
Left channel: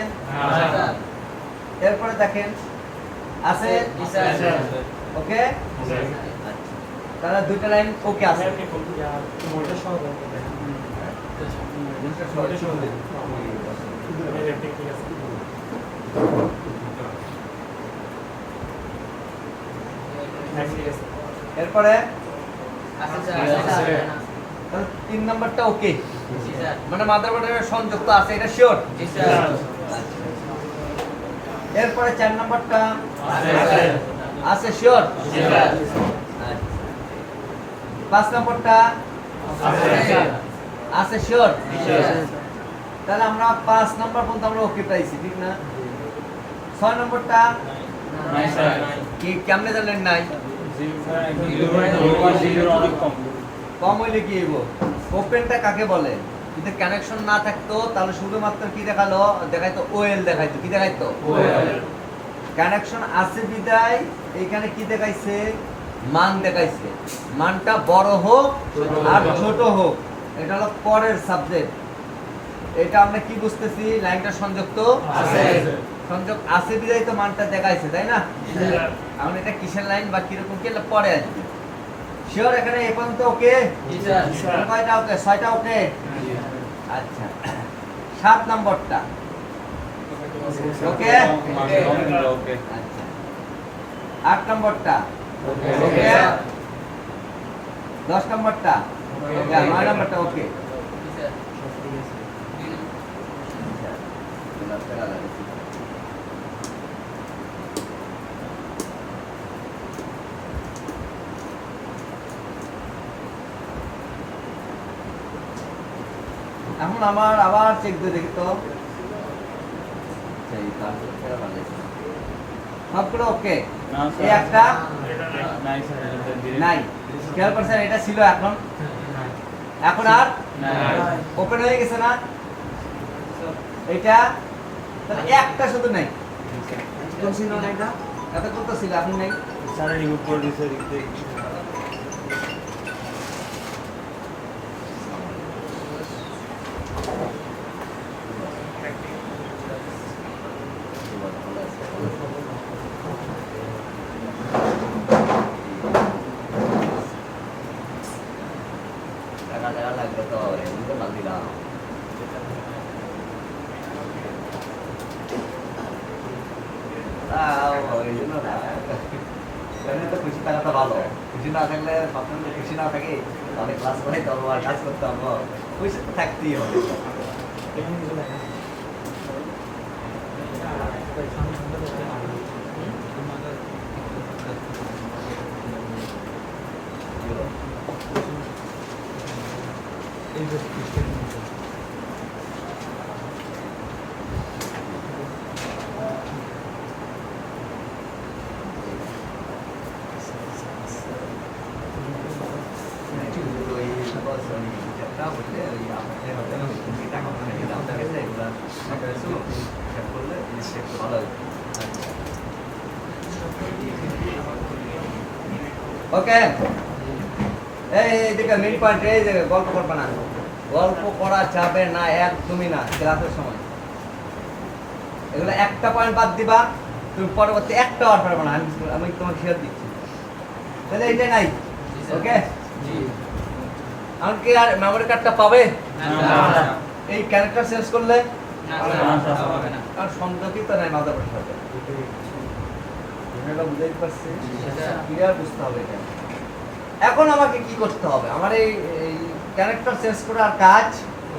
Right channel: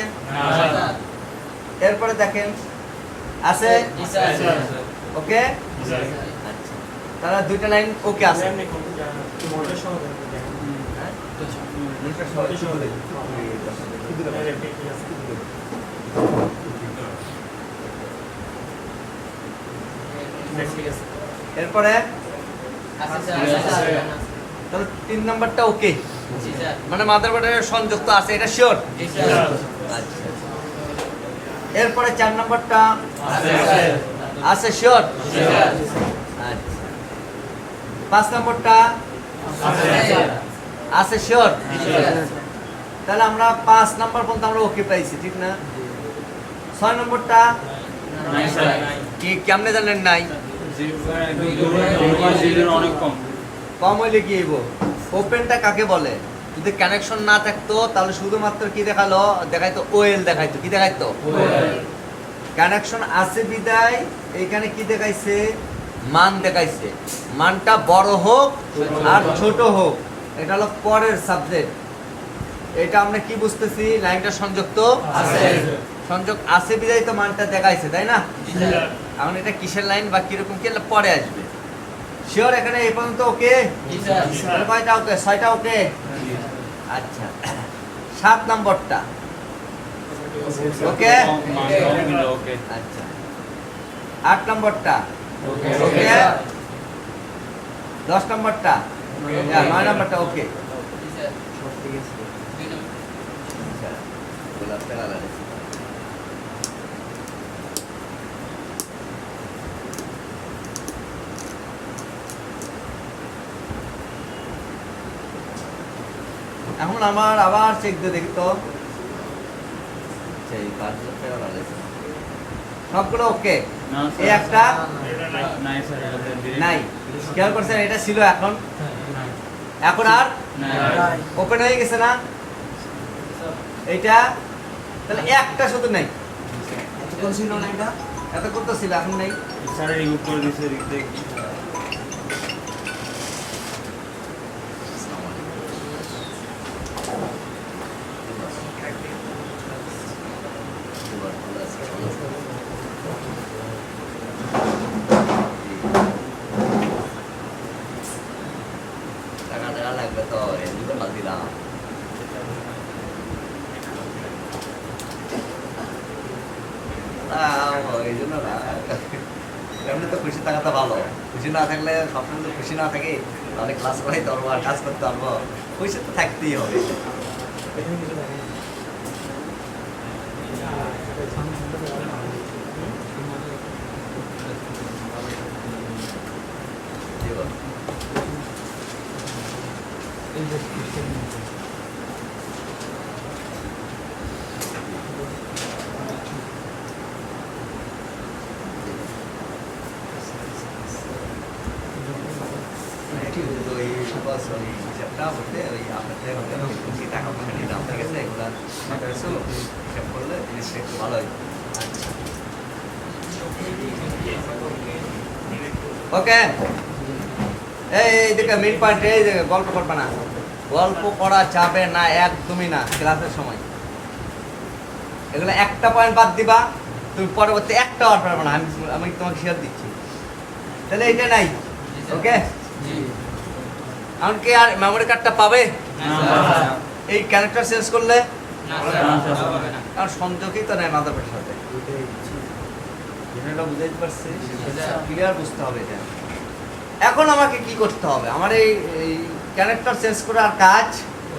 এরপরে দেখেন আছে। ওকে, তারা দুইটা লাইন ওকে আছে। মোটর সহ দেখেন। মোটর সহ দেখেন। এরপরে তাহলে 3 নাম্বারটা ওকে, মানে মাদারবোর্ডের সংযুক্ত আছে, এটা শিওর। এরপরে 4 নাম্বারটা আছে, শিওর। 5 নাম্বারটা আছে, শিওর। তাহলে আমরা 5 নাম্বার পর্যন্ত আমরা ওকে পাইছি, ঠিক না? 6 নাম্বারটা কি কেমনে জানলেন নাই? অনেক কম। কম হইলে কি হইব? ওপেনটা কাকে বলে? যদি কানেকশন না থাকতো তাহলে শুধুমাত্র কি দেখালো? দেখাইতো ওএল, দেখাইতো কি দেখাইতো? কানেকশন আছে বিদায় এইখানে কি দেখাইছে? মান দেখাইছে। মানটা বড় হোক আর ছোট হোক, এটা হলো পরের সাবজেক্ট। এটা আমরা কি বুঝতেছি? লাইনটা সংযুক্ত আছে, সংযোগ আছে বিদায় তো মানটা দেখাইছে, তাই না? এখন এটা কিসের লাইন বা কিরকম কি পরে আসবে। শিওর এখানে এই পর্যন্ত ওকে? কয়টা ওকে? 6টা ওকে। আচ্ছা, 7 নম্বরটা ওকে। আচ্ছা, 8 নম্বরটা ওকে। 10 নম্বরটা, 9 নম্বরটা ওকে। এখন আমার আবার চেক দিয়ে দেখি তো। সবগুলো ওকে, এই একটা নাই। খেয়াল করছেন এটা ছিল, এখন এখন আর ওপেন হয়ে গেছে না এইটা? তাহলে একটা শুধু নেই, ছিল না এটা, এতক্ষণ তো ছিল, এখন নেই। টাকা লাগবে তো, এদিকে বাদ দিলাম। এই জন্য না, এমনি তো খুশি থাকাটা ভালো। খুশি না থাকলে, সবসময় তো খুশি না থাকে তাহলে ক্লাস করাইতে পারবো আর কাজ করতে পারবো। খুশি তো থাকতেই হবে। ওকে, এই দিকে মেন পয়েন্ট, এই যে গল্প করবে না, গল্প করা যাবে না একদমই না ক্লাসের সময়। এগুলো একটা পয়েন্ট বাদ দিবা, তুমি পরবর্তী একটা আর পারবে না। আমি তোমাকে শেয়ার দিচ্ছি। তাহলে এইটা নাই। ওকে, এমনকি আর মেমোরি কার্ডটা পাবে এই ক্যারেক্টার চেঞ্জ করলে? আর সংযোগই তো নাই মাদারবোর্ডের সাথে। এটা বুঝাইতে পারছি, ক্লিয়ার বুঝতে হবে এটা। এখন আমাকে কি করতে হবে? আমার এই ক্যারেক্টার চেঞ্জ করে আর কাজ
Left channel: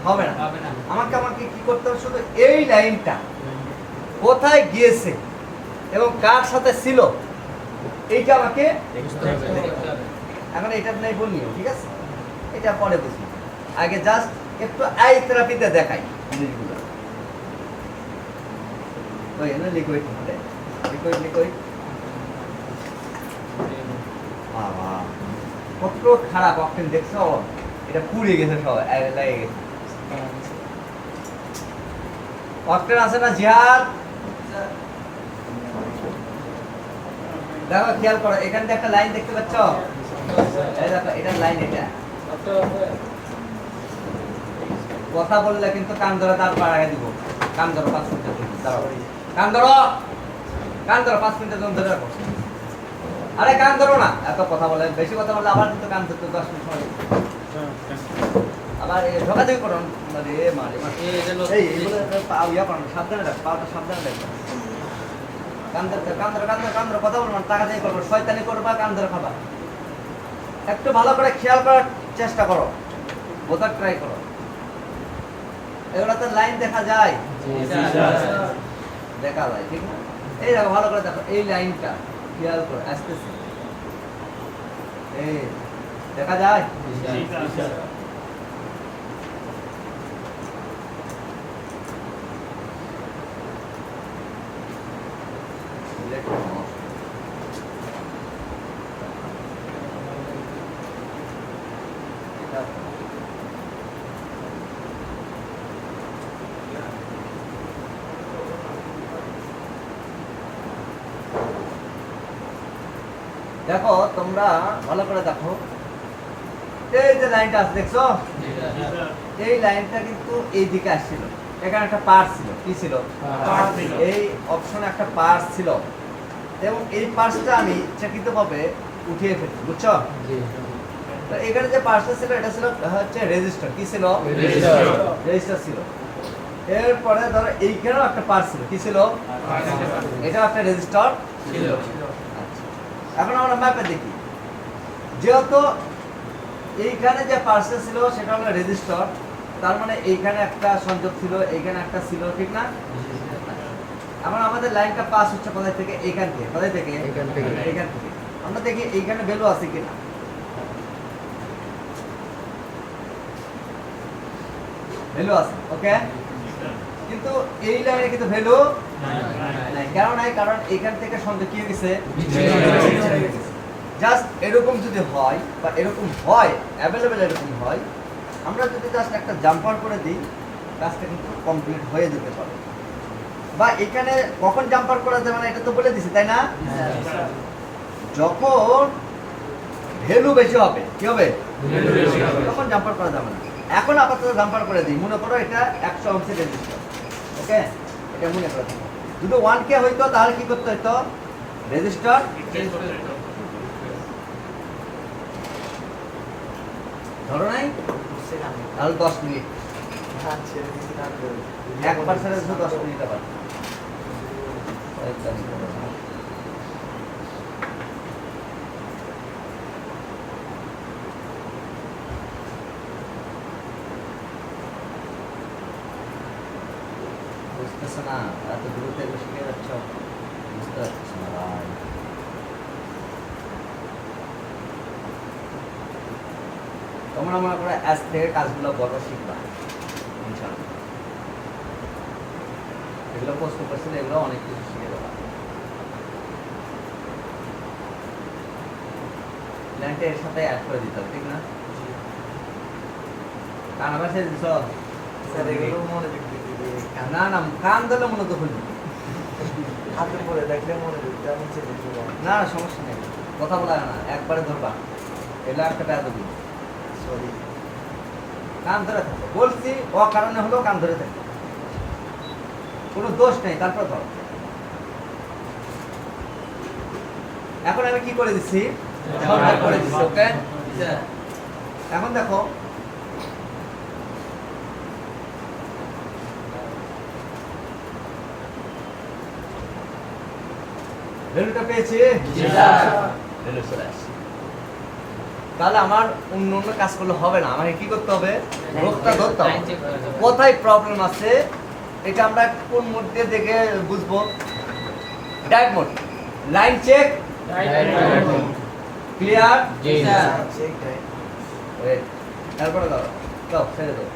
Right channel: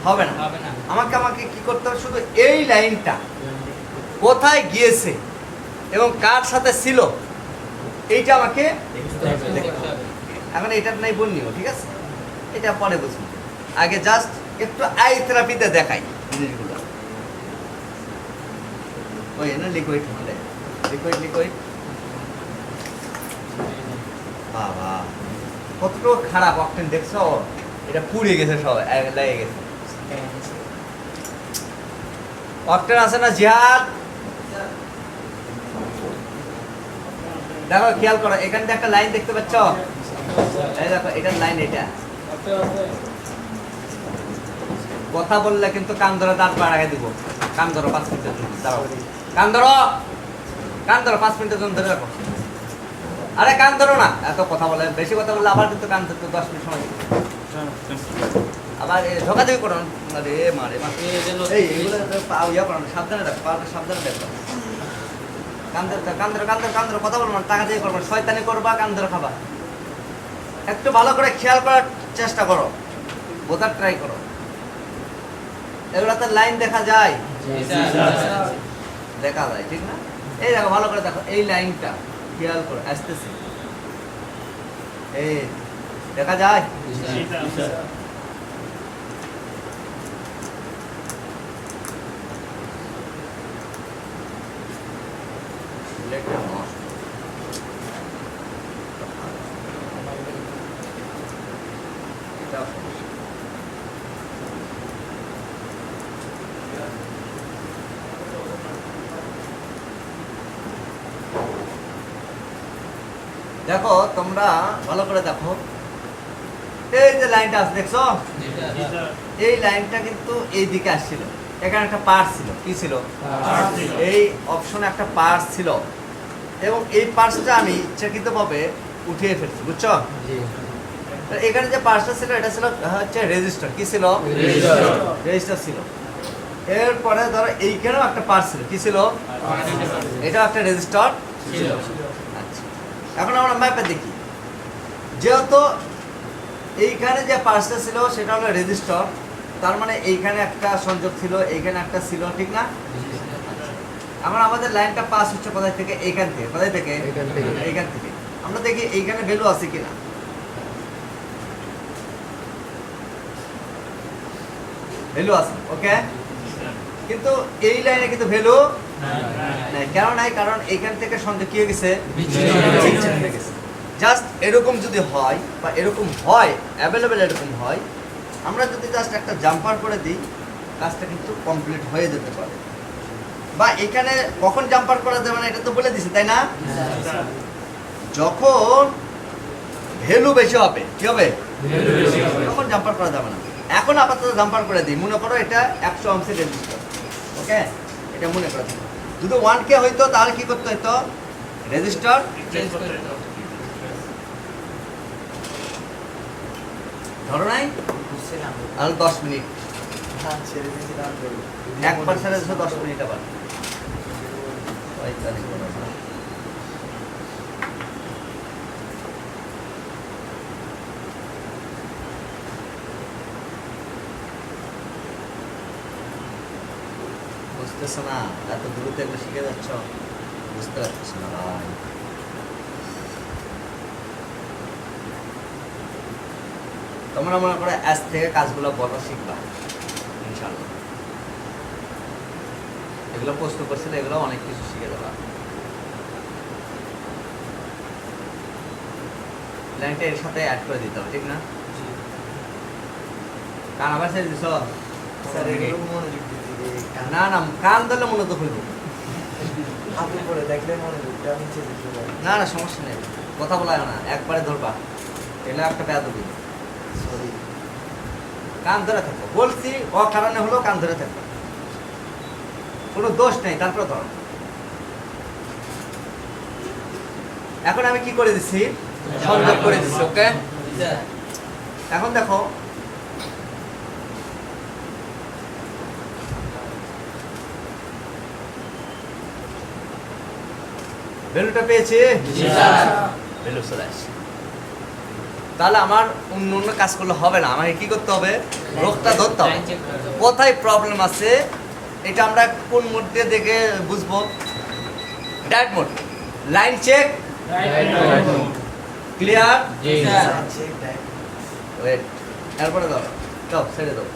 হবে না। আমাকে কি করতে হবে? শুধু এই লাইনটা, কোথায় গিয়েছে এবং কার সাথে ছিল এইটা আমাকে বুঝতে হবে। এখন এটা নাই বলনিও, ঠিক আছে, এটা পরে বুঝবো, আগে জাস্ট একটু আই থেরাপিতে দেখাই জিনিসগুলো। ওই না লিকুইড হবে, লিকুইড বাবা কতটুকু খারাপ অকটেন দেখছো, এটা পুড়ে গেছে, সব লেগে গেছে। অকটেন আছে না জিহাদ, দেখো খেয়াল করো, এখান থেকে একটা লাইন দেখতে পাচ্ছ, এই দেখো এখানে লাইন, এটা কথা বললে কিন্তু কান ধরে দাঁত বাড়াই দিব, কান ধরো 5 মিনিটের জন্য, দাঁড়াও, কান ধরো 5 মিনিটের জন্য ধরে রাখো। আরে কান ধরো না, এত কথা বলে, বেশি কথা বললে আবার কিন্তু কান ধরতে 10 মিনিট সময় লাগবে। আবার ধোকা দিয়ে করো না রে, মারে এই এগুলো পাও ইয়া করো না, সাবধানে রাখ, পাওটা সাবধানে রাখো। কান ধরো কথা বলবো না, টাকা দিয়ে করবো, শয়তানি করবা, কান ধরে খাবা। একটু ভালো করে খেয়াল করার চেষ্টা করো, বোঝার ট্রাই করো। এগুলোতে লাইন দেখা যায়, দেখা যায়, ঠিক না? এই দেখো ভালো করে দেখো, এই লাইনটা খেয়াল করো, আসতেছে, এই দেখা যায়। দেখো তোমরা ভালো করে দেখো, এই যে লাইনটা আছে দেখছো, এই লাইনটা কিন্তু এই দিকে আসছিল, এখানে একটা পার্স ছিল, কি ছিল, এই অপশনে একটা পার্স ছিল, এবং এই পার্সটা আমি ইচ্ছাকৃতভাবে উঠিয়ে ফেলছি, বুঝছো? তো এখানে যে পার্সটা ছিল এটা ছিল হচ্ছে রেজিস্টার, কি ছিল, রেজিস্টার ছিল। এরপরে ধরো এইখানেও একটা পার্স ছিল, কি ছিল, এটা একটা রেজিস্টার ছিল। আচ্ছা, এখন আমরা ম্যাপে দেখি, যেহেতু এইখানে যে পার্সটা ছিল সেটা হলো রেজিস্টার, তার মানে এইখানে একটা সংযোগ ছিল, এইখানে একটা ছিল, ঠিক না? এখন আমাদের লাইনটা পাস হচ্ছে কোথায় থেকে, এইখান থেকে, কোথায় থেকে, এইখান থেকে। আমরা দেখি এইখানে ভ্যালু আছে কিনা, ভ্যালু আছে, ওকে, কিন্তু এই লাইনে কিন্তু ভ্যালু নাই, কেন নাই? কারণ এইখান থেকে সংযোগ কি হয়ে গেছে, বিচ্ছিন্ন হয়ে গেছে। জাস্ট এরকম যদি হয় বা এরকম হয়, অ্যাভেলেবেল এরকম হয়, আমরা যদি জাস্ট একটা জাম্পার করে দিই, কাজটা কিন্তু কমপ্লিট হয়ে যেতে পারে। বা এখানে কখন জাম্পার করা যাবে না এটা তো বলে দিছি, তাই না? যখন ভ্যালু বেশি হবে, কি হবে, তখন জাম্পার করা যাবে না। এখন আপাতত জাম্পার করে দিই, মনে করো এটা 100 ওহমের রেজিস্টার, ওকে, এটা মনে করে দিই। যদি 1K হইতো তাহলে কি করতে হইতো, রেজিস্টার ধরো নাই, আর 10 মিনিট, 1% 10 মিনিট, আবার বুঝতেছো না, এত দ্রুত এগুলো শিখে যাচ্ছ, বুঝতে পারছো না ভাই। তোমরা মনে করো আজ থেকে কাজগুলো বড় শিখবা ইনশাআল্লাহ। এগুলো প্রশ্ন করছিল, এগুলো অনেক কিছু শিখে যাবা। লাইনটা এর সাথে অ্যাড করে দিতে হবে, ঠিক না? কান আবার ছেড়ে দিছ, না না কান ধরলে মনে তো খুলবে না, না সমস্যা নেই, কথা বলা না, একবারে ধরবা, এটা একটা বেয়াদবি। কান ধরে থাকো, বলছি অকারণে হলো, কান ধরে থাকো, কোনো দোষ নেই, তারপর ধর। এখন আমি কি করে দিচ্ছি, সংযোগ করে দিচ্ছি, ওকে। এখন দেখো ভ্যালুটা পেয়েছি, ভ্যালু চলে আসছে। তাহলে আমার অন্য অন্য কাজ করলে হবে না, আমাকে কি করতে হবে, রোগটা ধরতে হবে, কোথায় প্রবলেম আছে এটা আমরা কোন মোড দিয়ে দেখে বুঝবো? Direct mode. Line check, clear, জি স্যার ওয়েট, এরপরে দাও, দাও ছেড়ে দাও,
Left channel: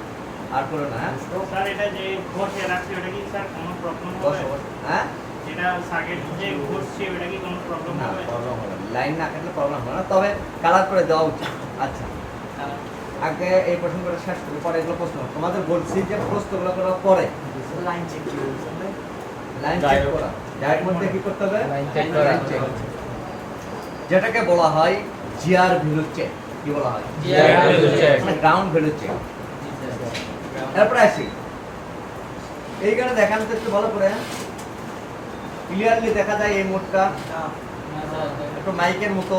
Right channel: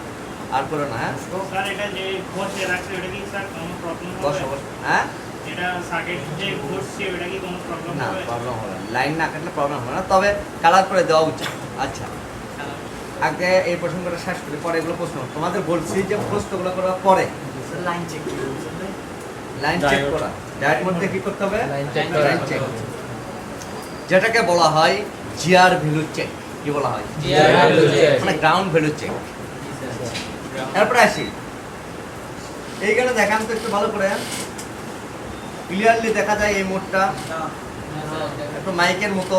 আর করো না, হ্যাঁ স্যার এটা যে ঘষে রাখছে এটা কি স্যার কোনো প্রবলেম বসো হবে? বসো, হ্যাঁ এটা সার্কিট যে ঘষছে এটা কি কোনো প্রবলেম না হবে? প্রবলেম হবে না, লাইন না কাটলে প্রবলেম হবে না, তবে কালার করে দেওয়া উচিত। আচ্ছা, আগে এই প্রশ্নগুলো শেষ করি, পরে এগুলো প্রশ্ন। তোমাদের বলছি যে প্রশ্নগুলো করার পরে লাইন চেক কি বলছেন? লাইন চেক করা, ডাইরেক্ট মধ্যে কি করতে হবে? লাইন চেক করা। লাইন চেক, যেটাকে বলা হয় জিআর ভ্যালু চেক। কি বলা হয়? GR value check. মানে গ্রাউন্ড ভ্যালু চেক। এরপরে আসি, এইখানে দেখান তো একটু ভালো করে, ক্লিয়ারলি দেখা যায় এই মোডটা একটু মাইকের মতো,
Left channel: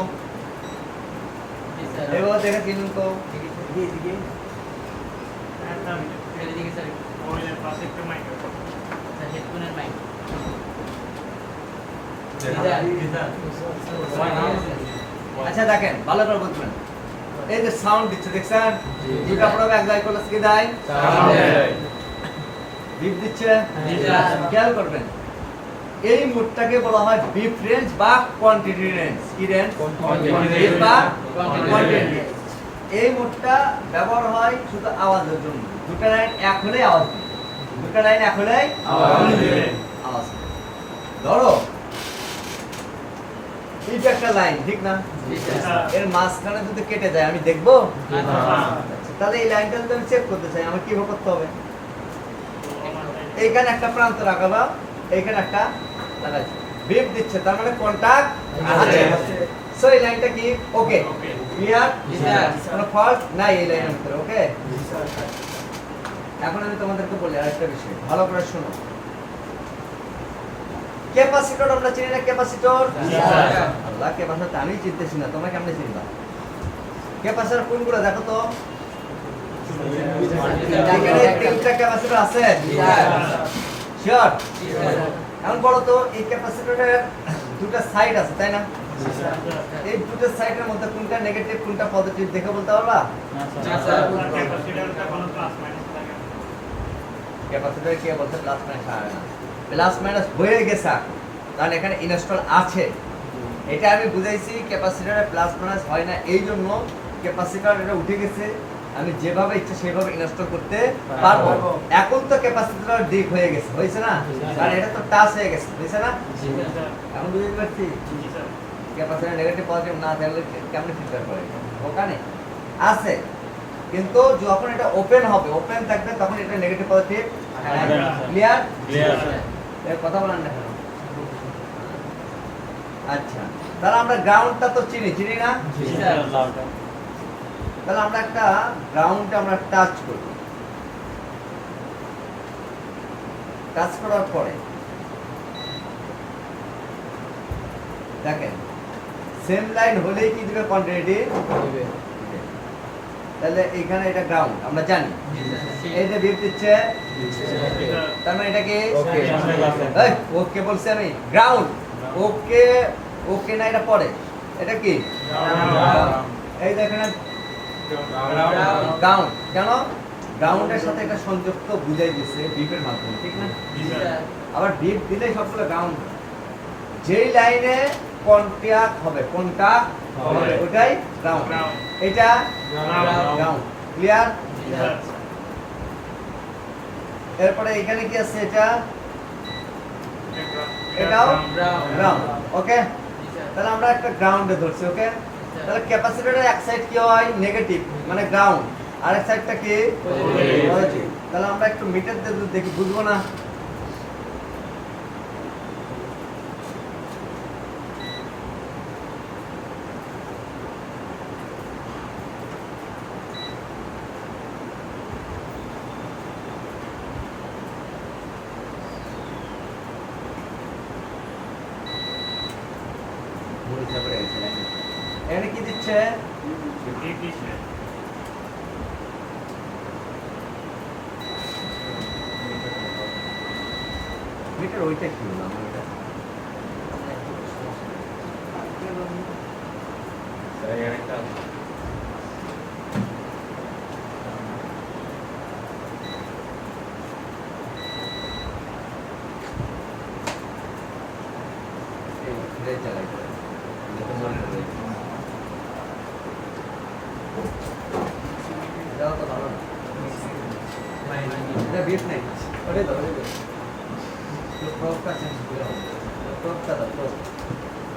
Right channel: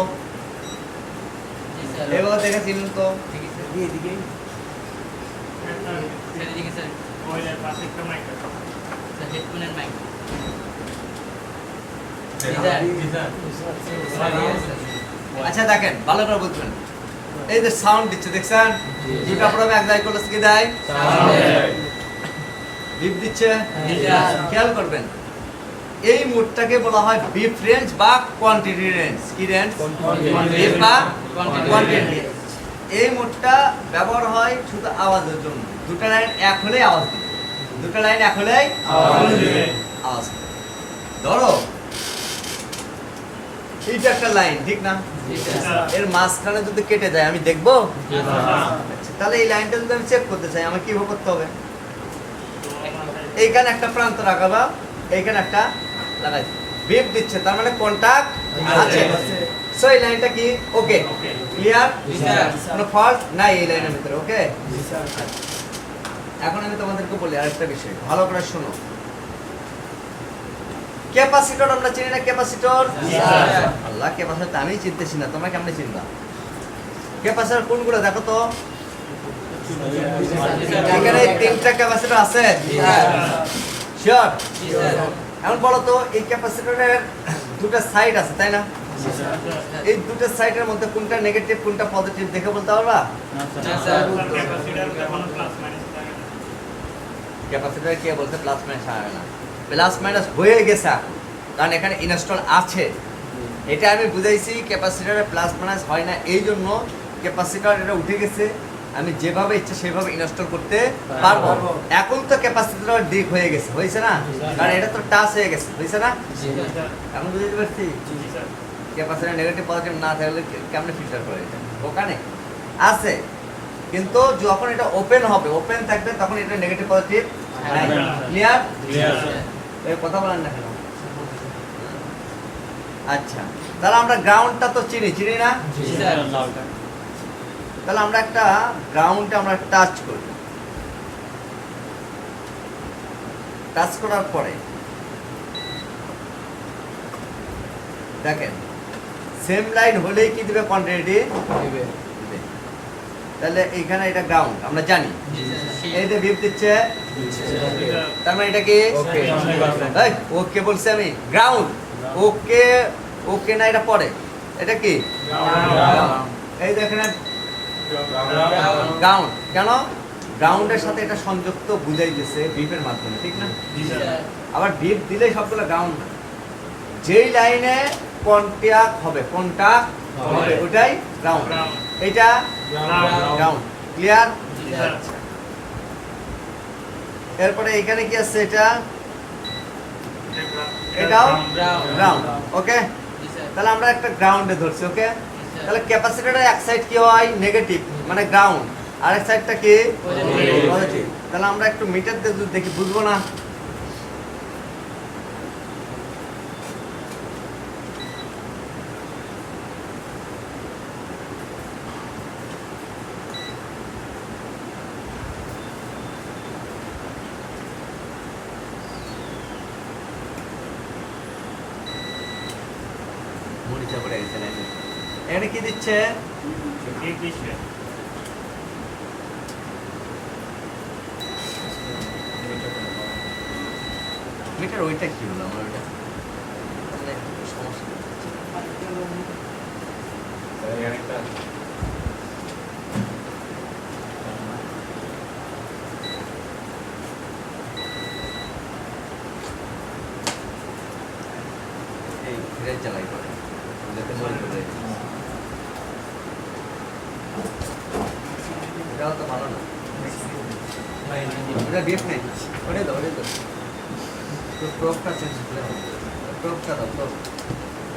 এভাবে দেখে চিনুন তো। এদিকে ওইটার পাশে একটা মাইক আচ্ছা দেখেন ভালো করে বুঝবেন, এই যে সাউন্ড দিচ্ছে দেখছেন, জিপ আপনারা এক জায়গায় করলে কি দেয়? বিপ দিচ্ছে, খেয়াল করবেন এই মোডটাকে বলা হয় বিপ রেঞ্জ বা কোয়ান্টিটি রেঞ্জ। কি রেঞ্জ? বিপ বা কোয়ান্টিটি। এই মোডটা ব্যবহার হয় শুধু আওয়াজের জন্য, দুটো লাইন এক হলে আওয়াজ দিবে, দুটো লাইন এক হলে আওয়াজ দিবে। ধরো এইটা একটা লাইন, ঠিক না? এর মাঝখানে যদি কেটে যায় আমি দেখবো? আচ্ছা, তাহলে এই লাইনটা যদি আমি চেক করতে চাই আমার কিভাবে করতে হবে? এইখানে একটা প্রান্ত রাখালাম, এইখানে একটা লাগাই, বিপ দিচ্ছে তার মানে কন্টাক্ট আছে। সো এই লাইনটা কি ওকে? ক্লিয়ার? কোনো ফল্ট নাই এই লাইনের ভিতরে, ওকে? এখন আমি তোমাদেরকে বলি আরেকটা বিষয়, ভালো করে শোনো। ক্যাপাসিটর আমরা চিনি না? ক্যাপাসিটর, আল্লাহ, ক্যাপাসিটর আমি চিনতেছি না, তোমরা কেমনে চিনবা? ক্যাপাসিটর কোনগুলো দেখো তো? এখানে তিনটা ক্যাপাসিটর আছে, শিওর? এখন বলো তো এই ক্যাপাসিটরের দুটো সাইড আছে তাই না? এই দুটো সাইডের মধ্যে কোনটা নেগেটিভ কোনটা পজিটিভ দেখে বলতে পারবা? ক্যাপাসিটর যখন প্লাস মাইনাস থাকে ক্যাপাসিটর কে বলতে প্লাস মাইনাস হবে না, প্লাস মাইনাস হয়ে গেছে এখন, কারণ এখানে ইনস্টল আছে। এটা আমি বুঝাইছি ক্যাপাসিটরে প্লাস মাইনাস হয় না, এই জন্য ক্যাপাসিটর এটা উঠে গেছে, আমি যেভাবে ইচ্ছা সেভাবে ইনস্টল করতে পারবো। এখন তো ক্যাপাসিটর ডিক হয়ে গেছে, হয়েছে না? কারণ এটা তো টাচ হয়ে গেছে, হয়েছে না? এখন বুঝতে পারছি জি স্যার ক্যাপাসিটর নেগেটিভ পজিটিভ না থাকলে কেমনে ফিল্টার করে? ওখানে আছে, কিন্তু যখন এটা ওপেন হবে, ওপেন থাকবে তখন এটা নেগেটিভ পজিটিভ। ক্লিয়ার? এর কথা বলেন না কেন? আচ্ছা, তাহলে আমরা গ্রাউন্ডটা তো চিনি না? তাহলে আমরা একটা গ্রাউন্ডে আমরা টাচ করি, টাচ করার পরে দেখেন সেম লাইন হলেই কি দিবে? কোয়ান্টিটি দিবে। তাহলে এখানে এটা গ্রাউন্ড আমরা জানি, এইটা বিপ দিচ্ছে, তার মানে এটা কি ওকে? ওকে বলছি আমি, গ্রাউন্ড। ওকে, ওকে না, এটা পরে, এটা কি এই দেখেন গ্রাউন্ড। কেন? গ্রাউন্ডের সাথে এটা সংযুক্ত বুঝাই দিচ্ছে বিপের মাধ্যমে, ঠিক না? আবার বিপ দিলে সবগুলো গ্রাউন্ড, যেই লাইনে কন্টাক্ট হবে, কন্টাক্ট হবে ওটাই গ্রাউন্ড, এইটা গ্রাউন্ড। ক্লিয়ার? এরপরে এখানে কি আছে? এটাও গ্রাউন্ড, ওকে? তাহলে আমরা একটা গ্রাউন্ডে ধরছি, ওকে? তাহলে ক্যাপাসিটরের এক সাইড কি হয়? নেগেটিভ, মানে গ্রাউন্ড, আর এক সাইডটা কি? পজিটিভ। তাহলে আমরা একটু মিটার দিয়ে যদি দেখি বুঝবো না? এখানে কি দিচ্ছে? মিটার ওইটা কি হলো আমার? এটা চালাই করে দেখে মনে করে এটাও তো ভালো না এটা গিফট নেই ওটাই দাও তো প্রোপটা চেঞ্জ করে প্রোপটা দাও প্রোপ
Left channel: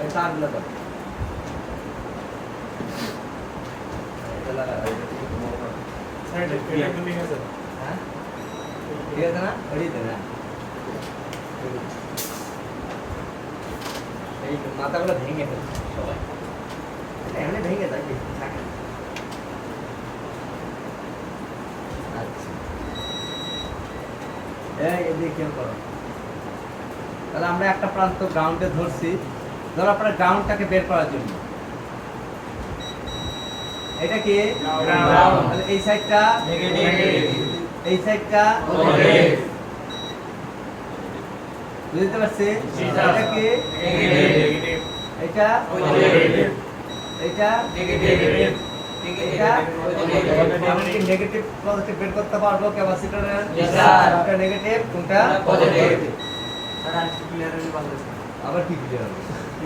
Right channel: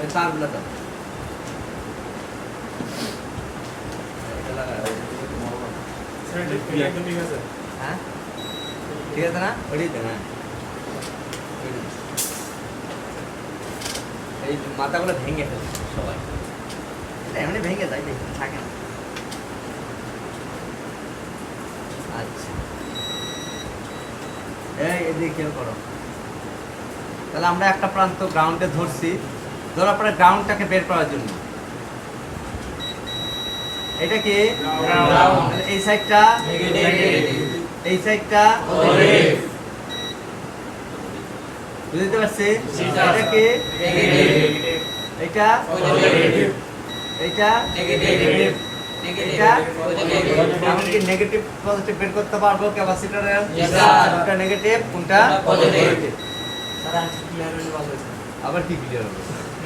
এই তারগুলো দাও এটা লাগা স্যার এটা একদম ঠিক আছে হ্যাঁ ঠিক আছে না ওটাই তো না এই মাথাগুলো ভেঙে ফেলছে সবাই এটা এমনি ভেঙে যায় দেখি থাকে না। আচ্ছা এদিকে খেয়াল করো তাহলে আমরা একটা প্রান্ত গ্রাউন্ডে ধরছি ধরো আপনার গ্রাউন্ডটাকে বের করার জন্য এটা কি Ground. তাহলে এই সাইডটা Negative. এই সাইডটা Positive. বুঝতে পারছি জি, স্যার। এটা কি Negative. এটা Positive. এটা Negative. এটা Positive. আমি কি নেগেটিভ পজিটিভ বের করতে পারবো ক্যাপাসিটরের Yes, sir. কোনটা নেগেটিভ কোনটা Positive. স্যার আর ক্লিয়ার হলে ভালো হতো। আবার কি ক্লিয়ার হবে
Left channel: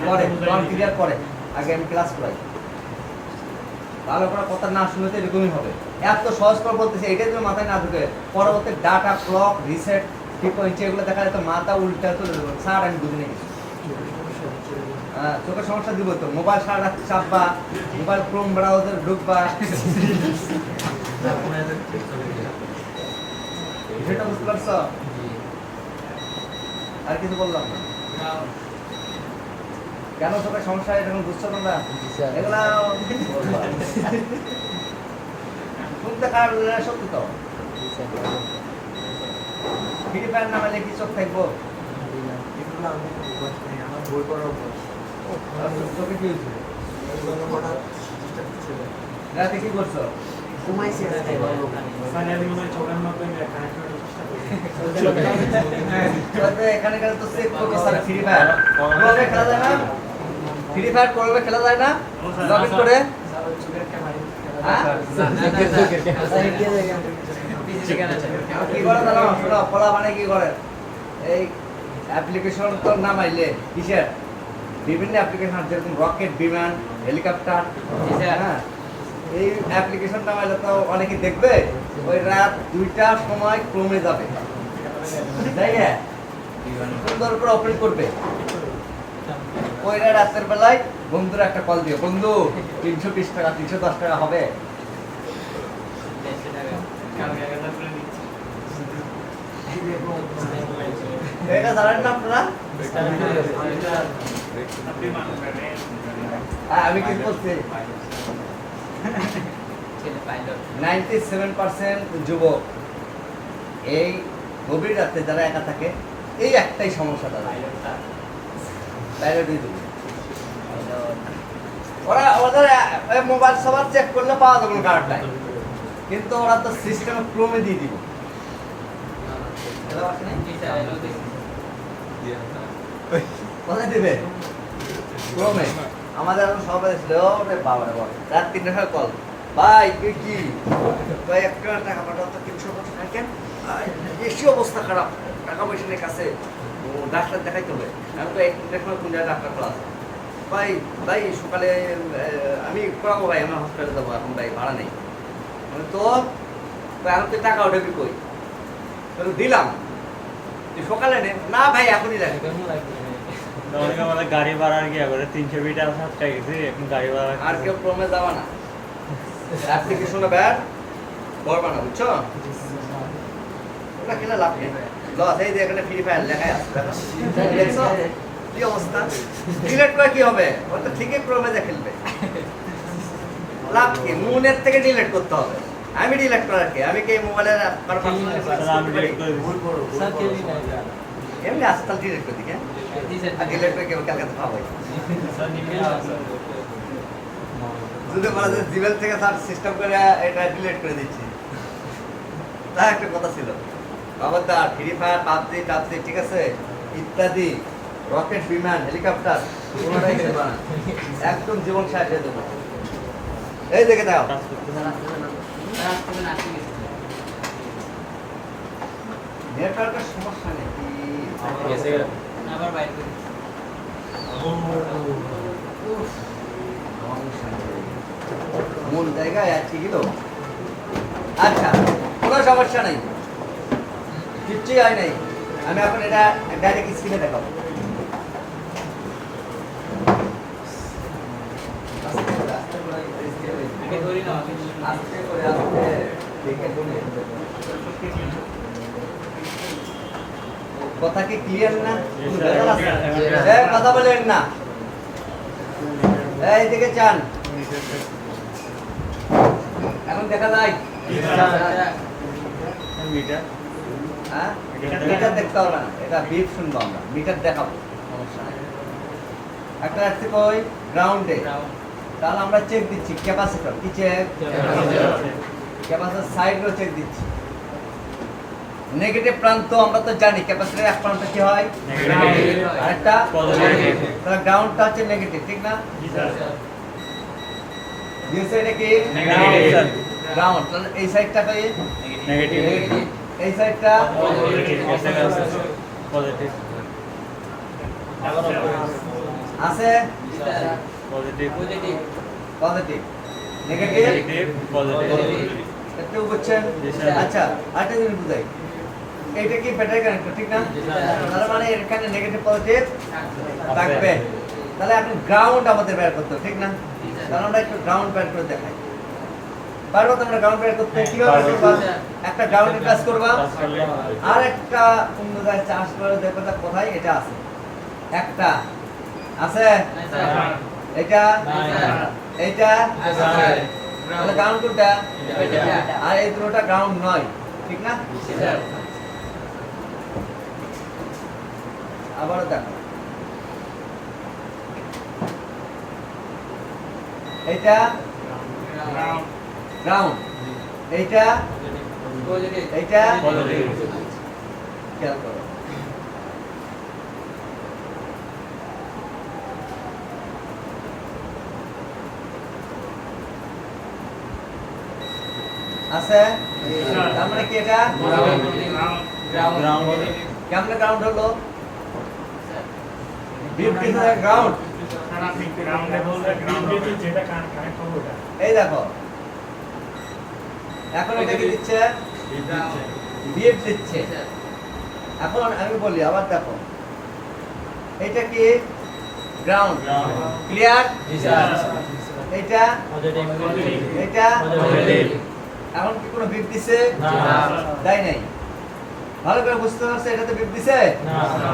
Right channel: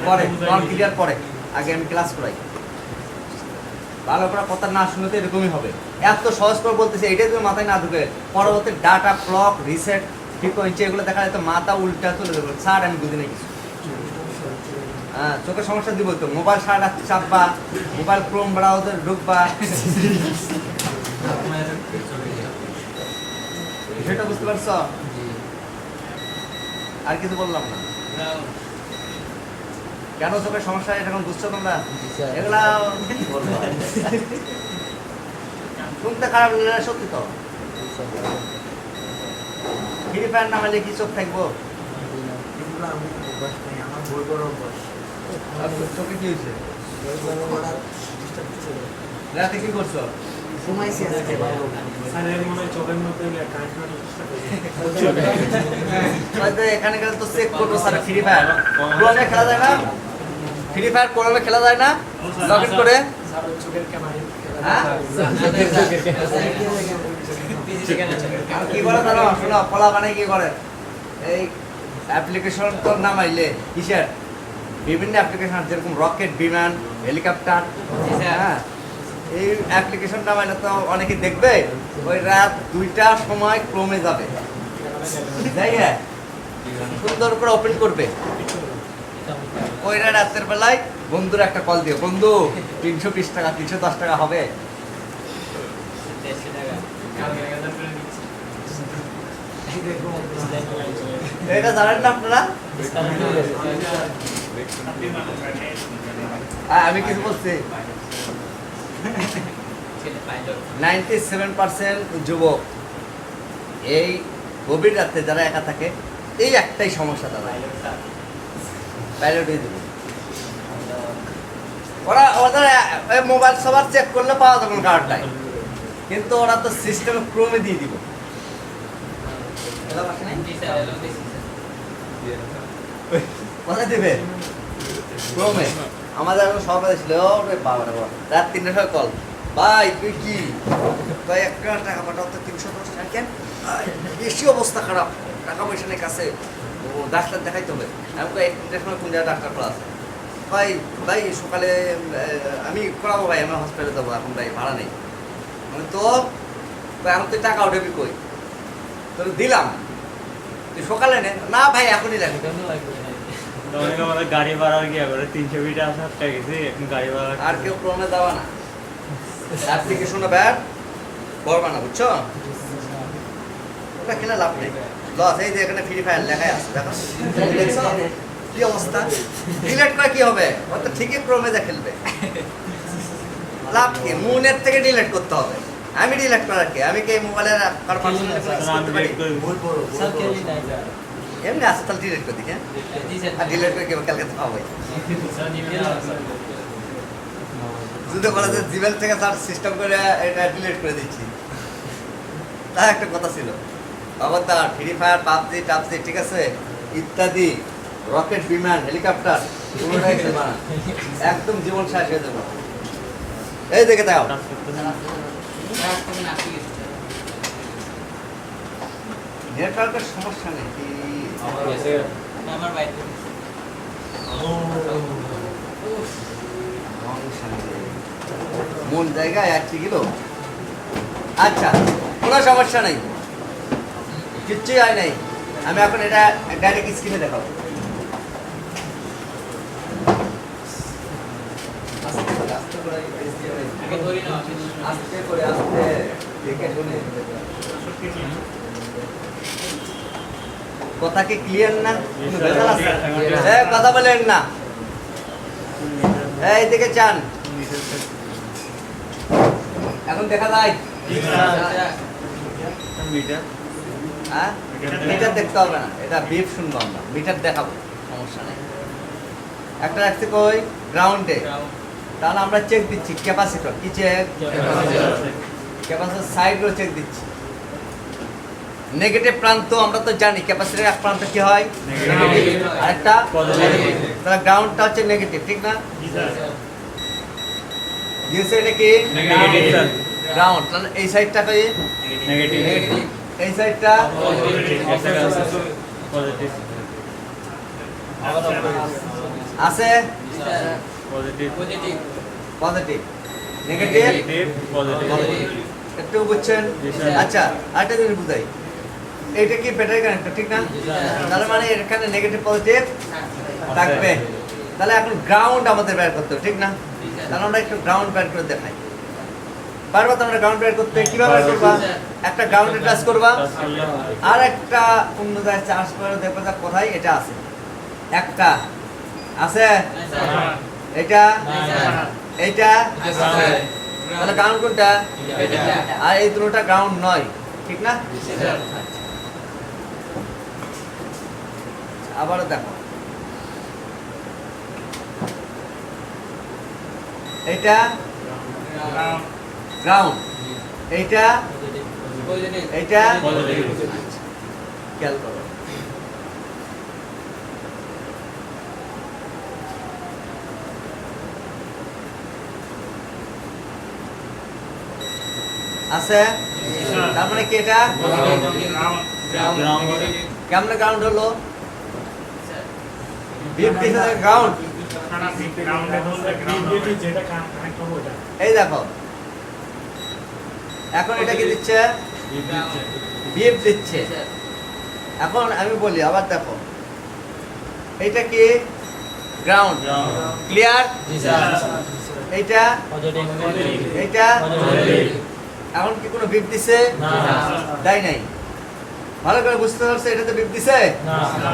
পরে নন ক্লিয়ার পরে আগে আমি ক্লাস করাই ভালো করে কথা না শুনে তো এরকমই হবে এত সহজ করে বলতেছে এটাই তো মাথায় না ঢুকে পরবর্তী ডাটা ক্লক রিসেট ফ্রিকোয়েন্সি এগুলো দেখা যায় তো মাথা উল্টা চলে যাবে স্যার আমি বুঝি না কিছু হ্যাঁ চোখের সমস্যা দিব তো মোবাইল সারা রাত চাপবা মোবাইল ক্রোম ব্রাউজার ঢুকবা সেটা বুঝতে পারছো আর কিছু বললাম না Ground. কেন চোখের সমস্যা এটা এখন বুঝছো তোমরা এগুলা কি বলবো? শুনতে খারাপ লাগে না, সত্যি তো ফ্রি ফায়ার নামালে কি চোখ থাকবো এগুলো আমি বস নেই, আমার ভুল করাও বস। আর চোখে কি হয়েছে হঠাৎ রাতে কি করছো ঘুমাইছি আজকে ভালো। স্যার এর মনে হয় চোখের মধ্যে কানেক্ট করে চেষ্টা করি হয়তো এখানে গেলে তো চেক করবো স্যার ফ্রি ফায়ার কোরআনে খেলা যায় না ফ্রি ফায়ার কোরআনে খেলা যায় না লগ ইন করে স্যার ওর চোখের ক্যামেরা হ্যাঁ আর কি করে জানো শোনো কলা মানে কি করে এই অ্যাপ্লিকেশন তো নামাইলে কিসের বিভিন্ন অ্যাপ্লিকেশন যেরকম রকেট বিমান হেলিকপ্টার হ্যাঁ এই অ্যাপ্লিকেশন নামাইলে তো অনেকে দেখবে ওই রাত 2টার সময় ক্রমে যাবে তাই হ্যাঁ সুন্দর করে ওপেন করবে ওই রাতের বেলায় বন্ধুর একটা কল দিও বন্ধু 320 টাকা 310 টাকা হবে এটা জানেন না আপনারা আপনি মানুষ আমি কি বলছি 97% যুবক এই গভীর রাতে যারা একা থাকে এই একটাই সমস্যা তাদের পাইলট হয়ে যাবে। ওরা ওদের মোবাইল সবার চেক করলে পাওয়া যাবে না কার্ড নাই কিন্তু ওরা তো সিস্টেমে ক্রমে দিয়ে দিব কোথায় দিবে ক্রমে আমাদের এখন সবাই ছিল ওরে বাবা রে বাবা রাত 3টার সময় কল ভাই তুই কি ভাই 1 টাকা পাঠাও তো 350 টাকা কেন বেশি অবস্থা খারাপ টাকা পয়সা নেই কাছে ও ডাক্তার দেখাইতে হবে আমি তো 1টার সময় কোন জায়গায় ডাক্তার খোলা আছে ভাই ভাই সকালে আমি করাবো ভাই আমার হসপিটালে যাবো এখন ভাই ভাড়া নেই আমি তো আমি তো টাকা উঠেবি কই তো দিলাম তুই সকালে নে না ভাই এখনই লাগে অনেকে আমাদের গাড়ি ভাড়ার গিয়ে করে 300 মিটার আসারটা গেছে এখন গাড়ি ভাড়া আর কেউ ক্রমে যাওয়া না অ্যাপ্লিকেশনটা ব্যাড করবা না বুঝছো ওটা খেলে লাভ নেই লস এই যে এখানে ফ্রি ফায়ার লেখাই আছে দেখো দেখছো কি অবস্থা ডিলিট করে কি হবে ও তো ঠিকই ক্রমে যা খেলবে লাভ কি মুনের থেকে ডিলিট করতে হবে আমি ডিলিট করার কি আমি কি মোবাইলের কার পার্সোনাল করতে পারি ভুল করো ভুল করো। এমনি আছে তাহলে ডিলিট করে দিই হ্যাঁ আর ডিলিট করে কেউ কালকে তো পাবো যদি বলা যায় জিমেল থেকে তার সিস্টেম করে এটা ডিলিট করে দিচ্ছি তা একটা কথা ছিল আবার তার ফ্রি ফায়ার পাবজি টাবজি ঠিক আছে ইত্যাদি রকেট বিমান হেলিকপ্টার এগুলোই খেলবা না। একদম জীবন শেষ হয়ে যাবে এই দেখে দাও কাজ করতেছে না। নেটওয়ার্কের সমস্যা নেই আবার বাইরে মূল জায়গায় আটকে গেল। আচ্ছা, কোনো সমস্যা নেই, কিচ্ছুই হয় নাই। আমি এখন এটা ডাইরেক্ট স্ক্রিনে দেখাবো। আগে ধরি না আস্তে করে আস্তে দেখে বলি। কথা কি ক্লিয়ার না? কোনো ভেজাল আছে? কথা বলেন না, এই দিকে চান। এখন দেখা যায় মিটার হ্যাঁ, মিটার দেখতে হবে না, এটা বিপ শুনবো আমরা, মিটার দেখাবো, সমস্যা নেই। একটা রাখতে কই গ্রাউন্ডে, তাহলে আমরা চেক দিচ্ছি ক্যাপাসিটর। কি চেক? ক্যাপাসিটর সাইডগুলো চেক দিচ্ছি। নেগেটিভ প্রান্ত আমরা তো জানি, ক্যাপাসিটরের এক প্রান্ত কি হয়? আরেকটা পজিটিভ। তাহলে গ্রাউন্ডটা হচ্ছে নেগেটিভ, ঠিক না? দিয়েছে এটা কি নেগেটিভ স্যার, গ্রাউন্ড। তাহলে এই সাইডটা কি? নেগেটিভ। এই সাইডটা পজিটিভ আছে positive positive positive negative positive একটু বুঝছেন? জি, স্যার। আচ্ছা, আরেকটা জিনিস বুঝাই, এইটা কি ব্যাটারি কানেক্টর, ঠিক না? তার মানে এখানে নেগেটিভ পজিটিভ থাকবে। তাহলে এখন গ্রাউন্ড আমাদের বের করতে হবে, ঠিক না? তাহলে আমরা একটু গ্রাউন্ড বের করে দেখাই। পারবো তো আমরা গ্রাউন্ড বের করতে? কিভাবে করবা? একটা গ্রাউন্ডে টাচ করবা, কাজ করলে হয়। আর একটা অন্য জায়গায় চার্জ করে দেখবো যে কোথায় এটা আছে। একটা আছে, এটা এটা তাহলে গ্রাউন্ড কোনটা? আর এই দুটোটা গ্রাউন্ড নয়, ঠিক না? আবারও দেখো, এটা গ্রাউন্ড, এইটা পজিটিভ এইটা পজিটিভ খেয়াল করো। আছে, তার মানে কি এটা গ্রাউন্ড কেমন গ্রাউন্ড হলো? বিপ দিছে গ্রাউন্ড। যেটা কানেক্ট করবো ওটা এই দেখো, এখন এটা কি দিচ্ছে? দিচ্ছে বিপ দিচ্ছে। এখন আমি বলি আবার দেখো, এইটা কি গ্রাউন্ড, গ্রাউন্ড ক্লিয়ার? এইটা পজিটিভ এইটা পজিটিভ এখন কি কোনো বিপ দিছে? দেয় নাই। ভালো করে বুঝতে পারছে এটাতে বিপ দিছে? না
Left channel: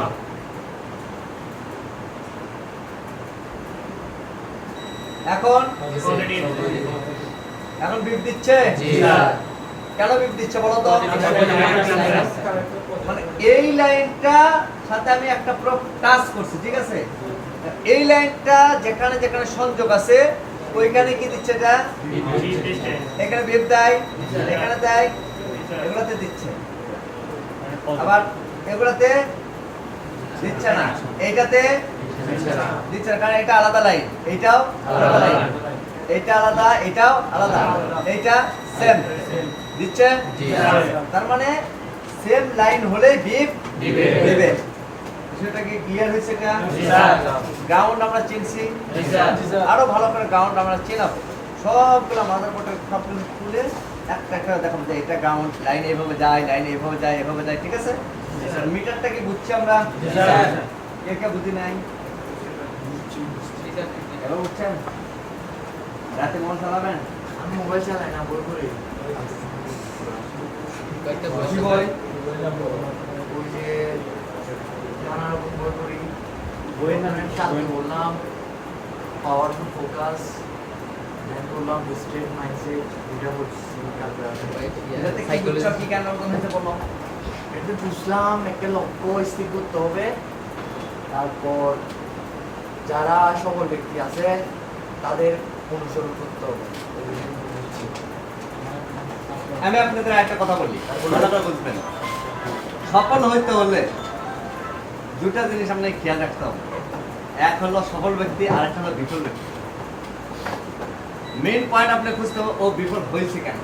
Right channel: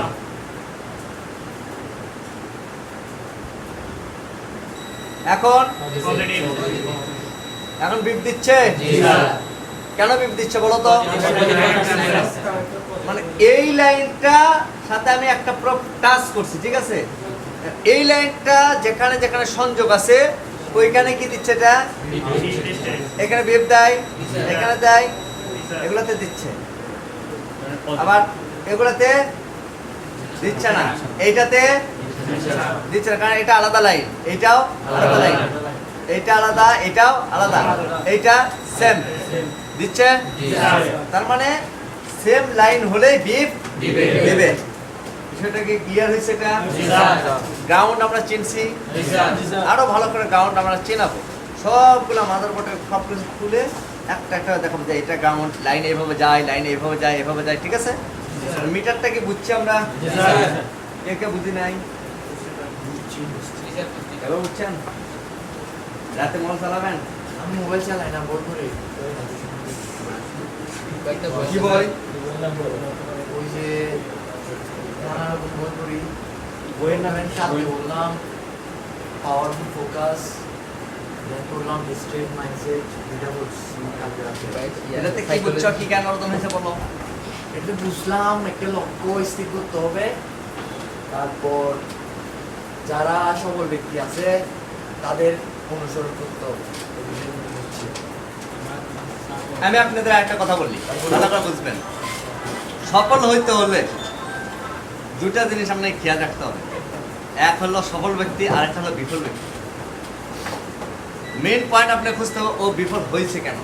এখন পজিটিভ এখন বিপ দিচ্ছে? কেন বিপ দিচ্ছে বলো তো? মানে এই লাইনটা সাথে আমি একটা প্রোব টাচ করছি, ঠিক আছে? এই লাইনটা যেখানে যেখানে সংযোগ আছে ওইখানে কি দিচ্ছে? এটা এখানে বিপ দেয়, এখানে দেয়, এগুলাতে দিচ্ছে, আবার এগুলাতে দিচ্ছে না, এইটাতে দিচ্ছে না, কারণ এটা আলাদা লাইন, এইটাও আলাদা লাইন, এইটা আলাদা, এটাও আলাদা, এইটা সেম দিচ্ছে। তার মানে সেম লাইন হলে বিপ দিবে। বিষয়টা কি ক্লিয়ার হয়েছে? এটা গ্রাউন্ড আমরা চিনছি, আরো ভালো করে গ্রাউন্ড আমরা চেনাবো। সবগুলো মাদারবোর্ডের সব কিছু খুলে একটা একটা দেখাবো যে এটা গ্রাউন্ড লাইন এইভাবে যায়, লাইন এইভাবে যায়, এভাবে যায়, ঠিক আছে? মিটারটা কি বুঝছি আমরা? কে কে বুঝি নাই? এবার বুঝছেন? রাতে মোবাইল চালাবেন? আমি মোবাইল চালাই না, বই পড়ি। কয়েকটা কি বই? ওই যে নানা রকম বই পড়ি। বইয়ের নাম? সাথে বললাম পাওয়ারফুল ফোকাস, করলাম স্ট্রেট মাইন্ডসেট, এটা বলছি কালকে রাতে। এটাতে কি বুঝছো, কি জ্ঞান অর্জন হয়েছে বলো? এটা বুঝলাম একটা লক্ষ্য স্থির করতে হবে, তারপর যারা সবল ব্যক্তি আছে তাদের অনুসরণ করতে হবে। এগুলো বুঝছি। আমি আপনাদের একটা কথা বলি, ভালো করে বুঝবেন। সফল হইতে হলে দুটা জিনিস আপনাকে খেয়াল রাখতে হবে। এক হলো সফল ব্যক্তি, আর একটা হলো বিফল ব্যক্তি। মেইন পয়েন্ট আপনি খুঁজতে হবে ও বিফল হয়েছে কেন,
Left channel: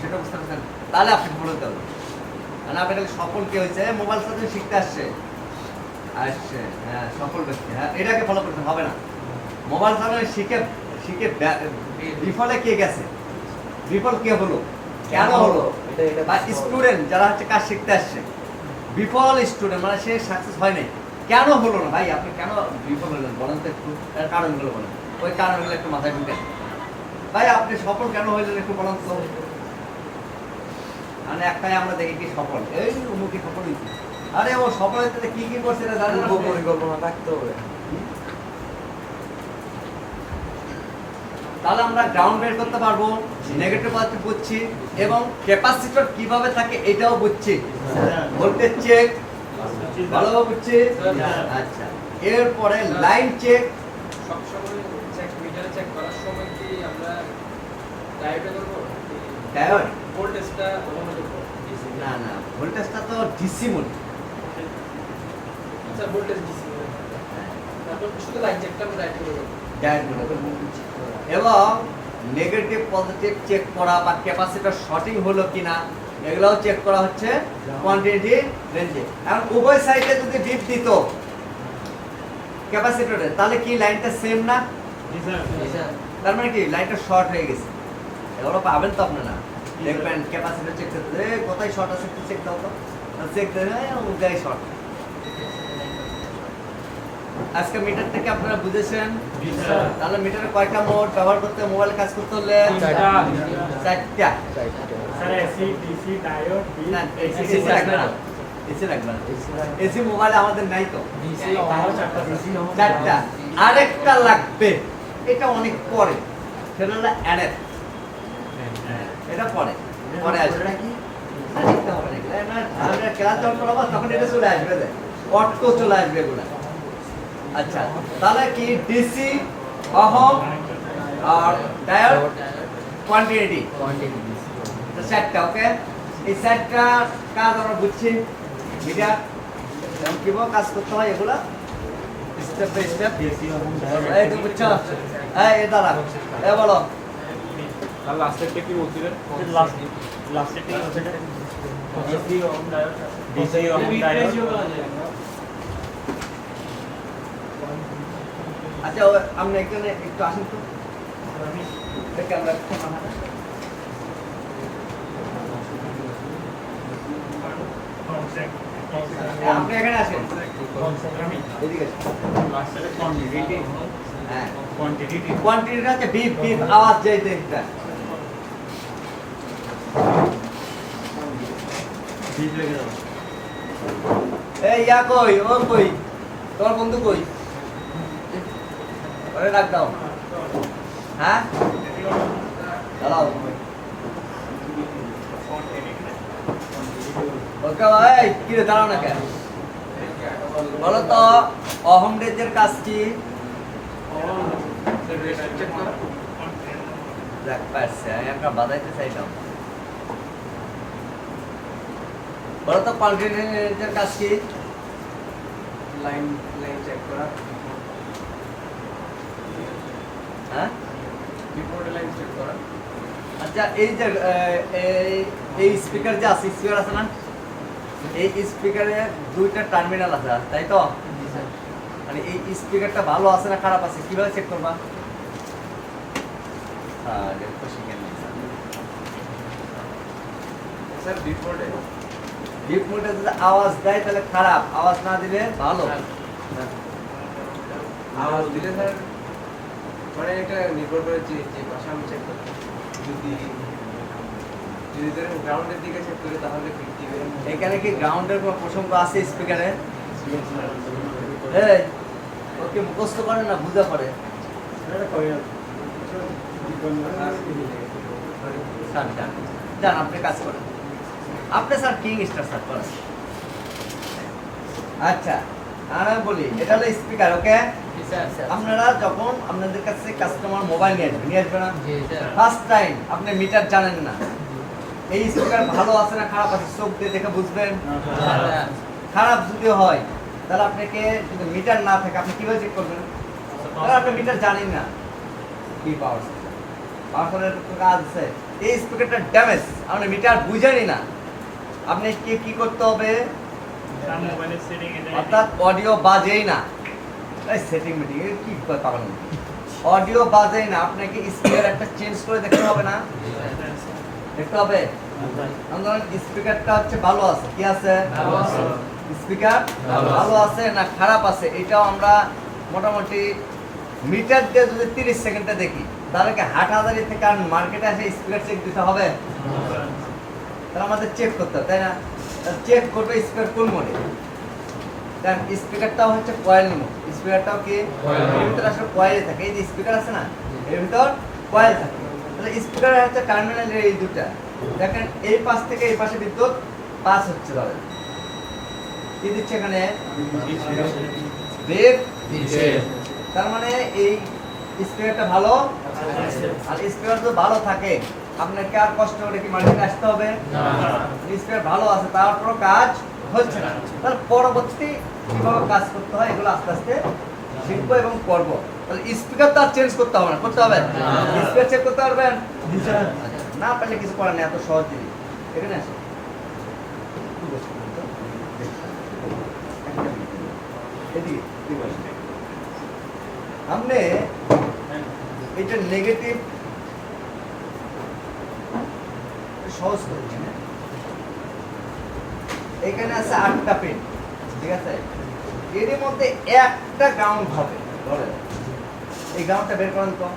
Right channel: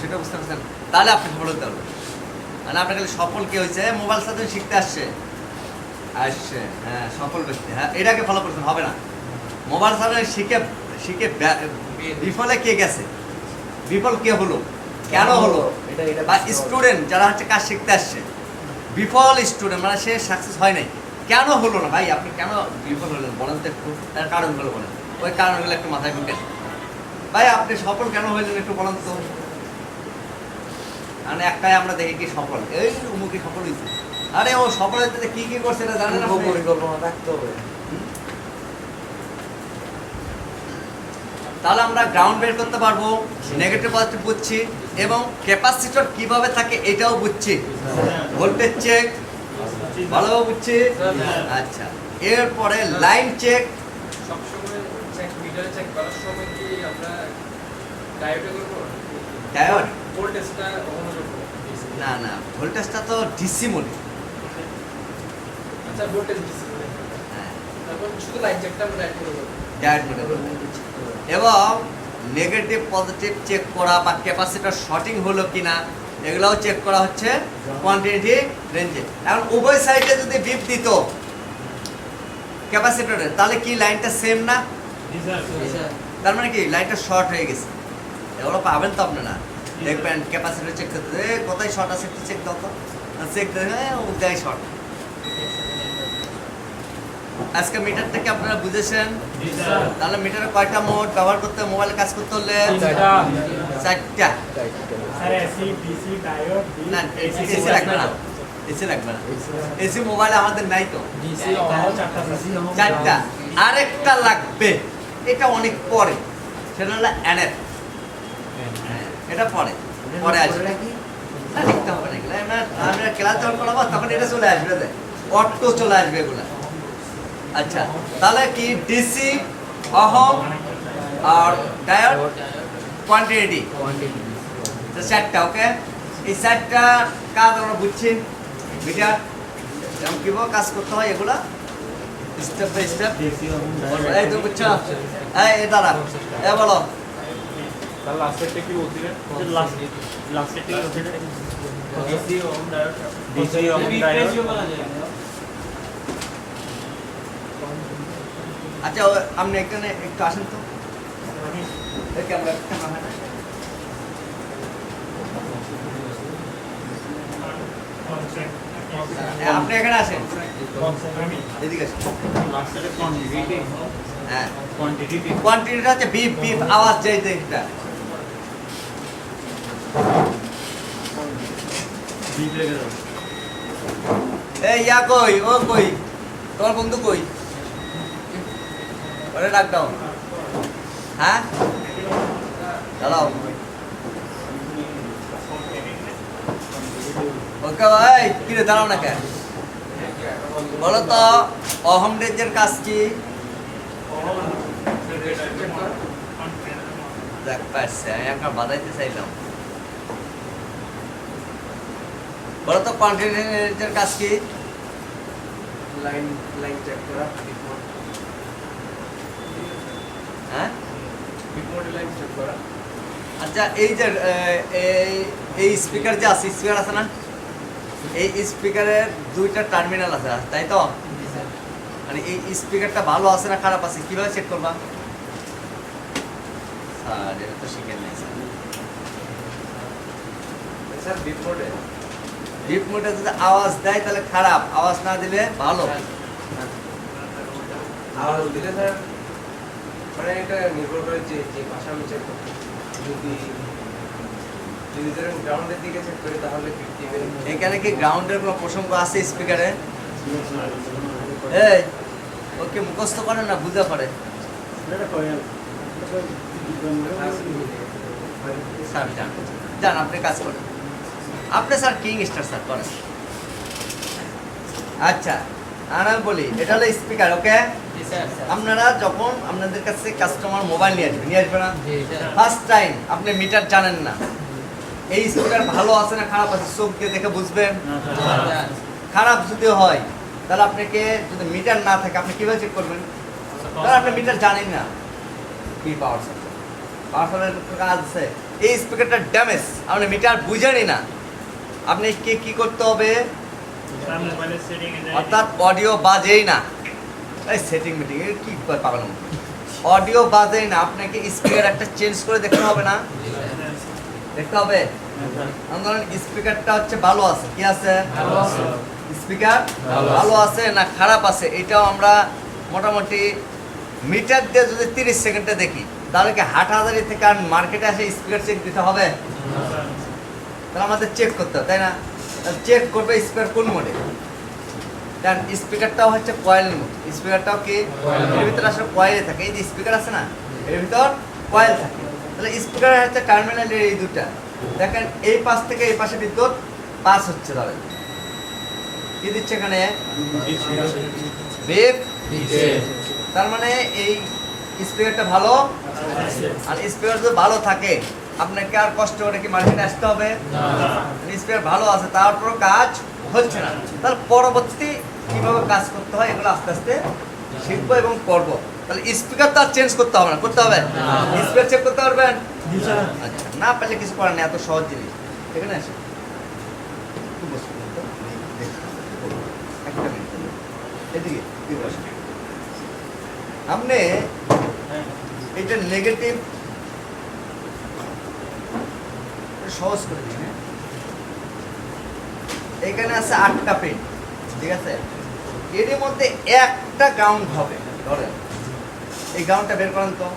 সেটা বুঝতে পারছেন? তাহলে আপনি সফল হতে পারবেন। মানে আপনার খালি সফল কি হয়েছে, মোবাইল সাথে শিখতে আসছে, আসছে, হ্যাঁ সফল ব্যক্তি, হ্যাঁ এটাকে ফলো করতে হবে না। মোবাইল চালানো শিখে শিখে বিফলে কে গেছে, বিফল কে হলো, কেন হলো, বা স্টুডেন্ট যারা হচ্ছে কাজ শিখতে আসছে বিফল স্টুডেন্ট মানে সে সাকসেস হয় নাই, কেন হলো না ভাই, আপনি কেন বিফল হলেন বলেন তো একটু, তার কারণগুলো বলেন, ওই কারণগুলো একটু মাথায় ঢুকেন ভাই, আপনি সফল কেন হইলেন একটু বলেন তো। মানে একটাই আমরা দেখি কি সফল, এই অমুকি সফল হয়েছে, আরে ও সফল হইতে কি কি করছে এটা জানেন আপনি? পরিকল্পনা থাকতে হবে। তাহলে আমরা গ্রাউন্ড বের করতে পারবো, নেগেটিভ পজিটিভ বুঝছি, এবং ক্যাপাসিটর কিভাবে থাকে এটাও বুঝছি, ভোল্টেজ চেক ভালোভাবে বুঝছি। আচ্ছা, এরপরে লাইন চেক, সবসময় চেক মিটার চেক করার সময় কি আমরা ডায়োডে করবো? ডায়োড ভোল্টেজটা ওহমের উপর DC না না, ভোল্টেজটা তো ডিসি মোড, আচ্ছা ভোল্টেজ ডিসি তারপর শুধু লাইন চেকটা আমরা ডায়োড করবো। ডায়োড মোডে করবো। এবং নেগেটিভ পজিটিভ চেক করা বা ক্যাপাসিটর শর্টিং হলো কিনা এগুলোও চেক করা হচ্ছে কোয়ান্টিটি রেঞ্জে। এখন উভয় সাইডে যদি বিপ দিত ক্যাপাসিটরের, তাহলে কি লাইনটা সেম না? তার মানে কি লাইনটা শর্ট হয়ে গেছে, এগুলো পাবেন তো আপনারা, দেখবেন ক্যাপাসিটর চেক করতে কোথায় শর্ট আছে একটু চেক দাও তো, চেক দেখে ওটাই শর্ট। আজকে মিটারটাকে আপনারা বুঝেছেন, তাহলে মিটারে কয়টা মোড ব্যবহার করতে, মোবাইলে কাজ করতে হলে চারটা। না এসি লাগবে না, এসি লাগবে না, এসি মোবাইলে আমাদের নাই তো, চারটা। আরেকটা লাগবে, এটা অনেক পরে, সেটা হলো অ্যাডেপ, এটা পরে পরে আসবে, না লিখতে হবে না এগুলো, আমরা ক্লাস যখন করাবো তখন এটা চলে আসবে, অটো চলে আসবে এগুলা। আচ্ছা, তাহলে কি ডিসি, ওহম আর ডায়োড, কোয়ান্টিটি, চারটা। ওকে, এই চারটা কাজ আমরা বুঝছি, মিটার যেমন কিভাবে কাজ করতে হয় এগুলা স্টেপ বাই স্টেপ। এই তো বুঝছো, এই দাঁড়া, এ বলো তার লাস্টেরটা কি বলছিলেন? লাস্টে কি হচ্ছে DC ohm diode DC ratio বলা যায়। আচ্ছা আপনি এখানে একটু আসেন তো, এই ক্যামেরাটা মাথায়। আপনি এখানে আসেন, এদিকে আসেন। হ্যাঁ, কোয়ান্টিটিটা হচ্ছে বিপ বিপ আওয়াজ যেই দেখটা, এই ইয়া কই, ও কই, তোমার বন্ধু কই, ওরে ডাক দাও। হ্যাঁ চালাও। ওকে ভাই, কিরে দাঁড়াও না কেন, বলো তো অহম রেঞ্জের কাজ কি? দেখ পারছে, আমি একটা বাজাইতে চাইলাম। বলো তো কোয়ান্টিটি রেঞ্জের কাজ কি? লাইন লাইন চেক করা, হ্যাঁ বিপরীত লাইন চেক করা। আচ্ছা, এই যে এই স্পিকার যে আছে, স্পিকার আছে না, এই স্পিকারের দুইটা টার্মিনাল আছে, তাই তো? মানে এই স্পিকারটা ভালো আছে না খারাপ আছে কিভাবে চেক করবা? স্যার এটা তো শিখেন নাই স্যার। স্যার বিপরীত ডিপ মোডে যদি আওয়াজ দেয় তাহলে খারাপ, আওয়াজ না দিলে ভালো। আওয়াজ দিলে স্যার মানে এটা নির্ভর করে যে যে ভাষা আমি চেক করব। যদি যদি ধরেন গ্রাউন্ডের দিকে চেক করি তাহলে 50 এখানে কি গ্রাউন্ডের কোনো প্রসঙ্গ আছে স্পিকারে? এই ওকে মুখস্থ করে না বুঝা পড়ে। স্যার যান যান, আপনি কাজ করেন, আপনি স্যার কিং স্টার স্যার করেন। আচ্ছা, আর আমি বলি এটা হলো স্পিকার। ওকে, আপনারা যখন আপনাদের কাছে কাস্টমার মোবাইল নিয়ে আসবে না, ফার্স্ট টাইম আপনি মিটার জানেন না, এই স্পিকার ভালো আছে না খারাপ আছে চোখ দিয়ে দেখে বুঝবেন। খারাপ যদি হয় তাহলে আপনাকে, যদি মিটার না থাকে আপনি কিভাবে চেক করবেন? তাহলে আপনি মিটার জানেন না কি পাওয়ার কাজ আছে, এই স্পিকারটা ড্যামেজ, আপনি মিটার বুঝেনি না, আপনি কি করতে হবে? তার মোবাইলের সেটিং এ যায় অর্থাৎ অডিও বাজেই না, এই সেটিং মিটিং কি পাবেন, অডিও বাজেই না, আপনাকে স্পিকার একটা চেঞ্জ করে দেখতে হবে না, দেখতে হবে। ধরেন স্পিকারটা হচ্ছে ভালো আছে, কি আছে, স্পিকার ভালো আছে না খারাপ আছে, এটাও আমরা মোটামুটি মিটার দিয়ে যদি 30 সেকেন্ডে দেখি, তাহলে কি হাটহাজারি থেকে আর মার্কেটে আসে স্পিকার চেক দিতে হবে? তাহলে আমাদের চেক করতে হবে, তাই না? চেক করবে স্পিকার কোন মোডে, কারণ স্পিকারটাও হচ্ছে কয়েল মোড, স্পিকারটাও কি এর ভিতরে আসলে কয়েল থাকে, এই যে স্পিকার আছে না এর ভিতর কয়েল থাকে। তাহলে স্পিকারের হচ্ছে টার্মিনালের এই দুটা, দেখেন এই পাশ থেকে এই পাশে বিদ্যুৎ পাস হচ্ছে, তাহলে কি দিচ্ছে এখানে, বেগ দিচ্ছে। তার মানে এই স্পিকারটা ভালো, আর স্পিকার যদি ভালো থাকে আপনাকে আর কষ্ট করে কি মার্কেটে আসতে হবে? স্পিকার ভালো আছে তারপরও কাজ হচ্ছে না, তাহলে পরবর্তী কিভাবে কাজ করতে হয় এগুলো আস্তে আস্তে শিখবো এবং করবো। তাহলে স্পিকার তো আর চেঞ্জ করতে হবে না, করতে হবে? স্পিকার চেক করতে পারবেন? আচ্ছা, না পারলে কিছু করার নেই, এত সহজ জিনিস। এখানে আসে একটু বসুন তো। একটা মিনিট। এদিকে, এদিকে আসুন। আপনি এটা নেগেটিভ সহজ করছি, এখানে আছে 8টা পিন, ঠিক আছে? এর মধ্যে একটা গ্রাউন্ড হবে, ধরেন এই গ্রাউন্ডটা বের করেন তো।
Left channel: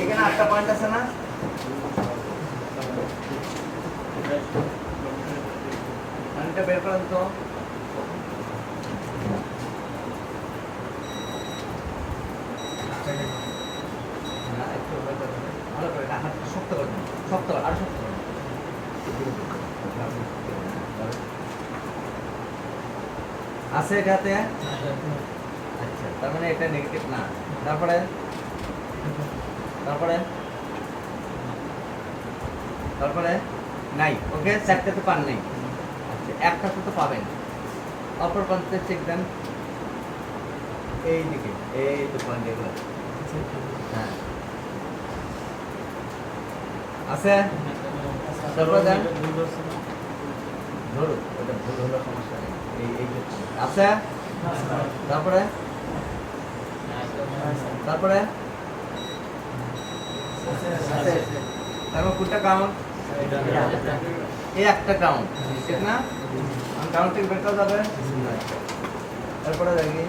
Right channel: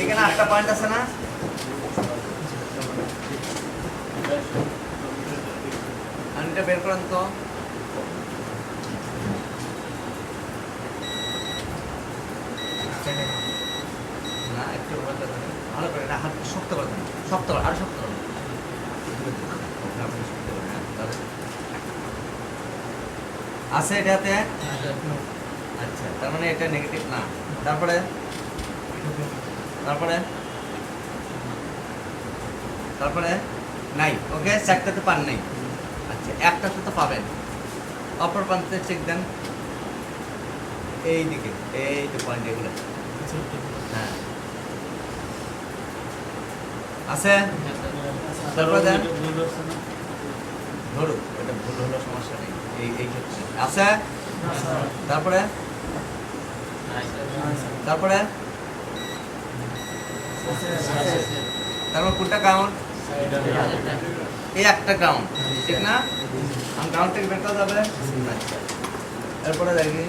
এখানে 8টা পয়েন্ট আছে না? আর এটা বের করেন তো। না, একটু ভালো করে এটা হাত শক্ত করে দেন, শক্ত করে, আরো শক্ত করে দেন। আছে এটাতে? আচ্ছা, তার মানে এটা নেগেটিভ না। তারপরে তারপরে তারপরে নাই, ওকে, চারটাতে পান নাই। আচ্ছা, একটাতে তো পাবেন, অপর প্রান্তে চেক দেন, এই দিকে, এই তো পয়েন্ট এগুলো, হ্যাঁ আছে। তারপরে দেন, ধরুন ওটা ভুল হলো, সমস্যা নেই, এই ক্ষেত্রে আছে। তারপরে তারপরে তারপর কোনটা কাউন্ট? এই একটা কাউন্ট, ঠিক না? কাউন্ট থেকে বের করা যাবে। এরপরে দেখি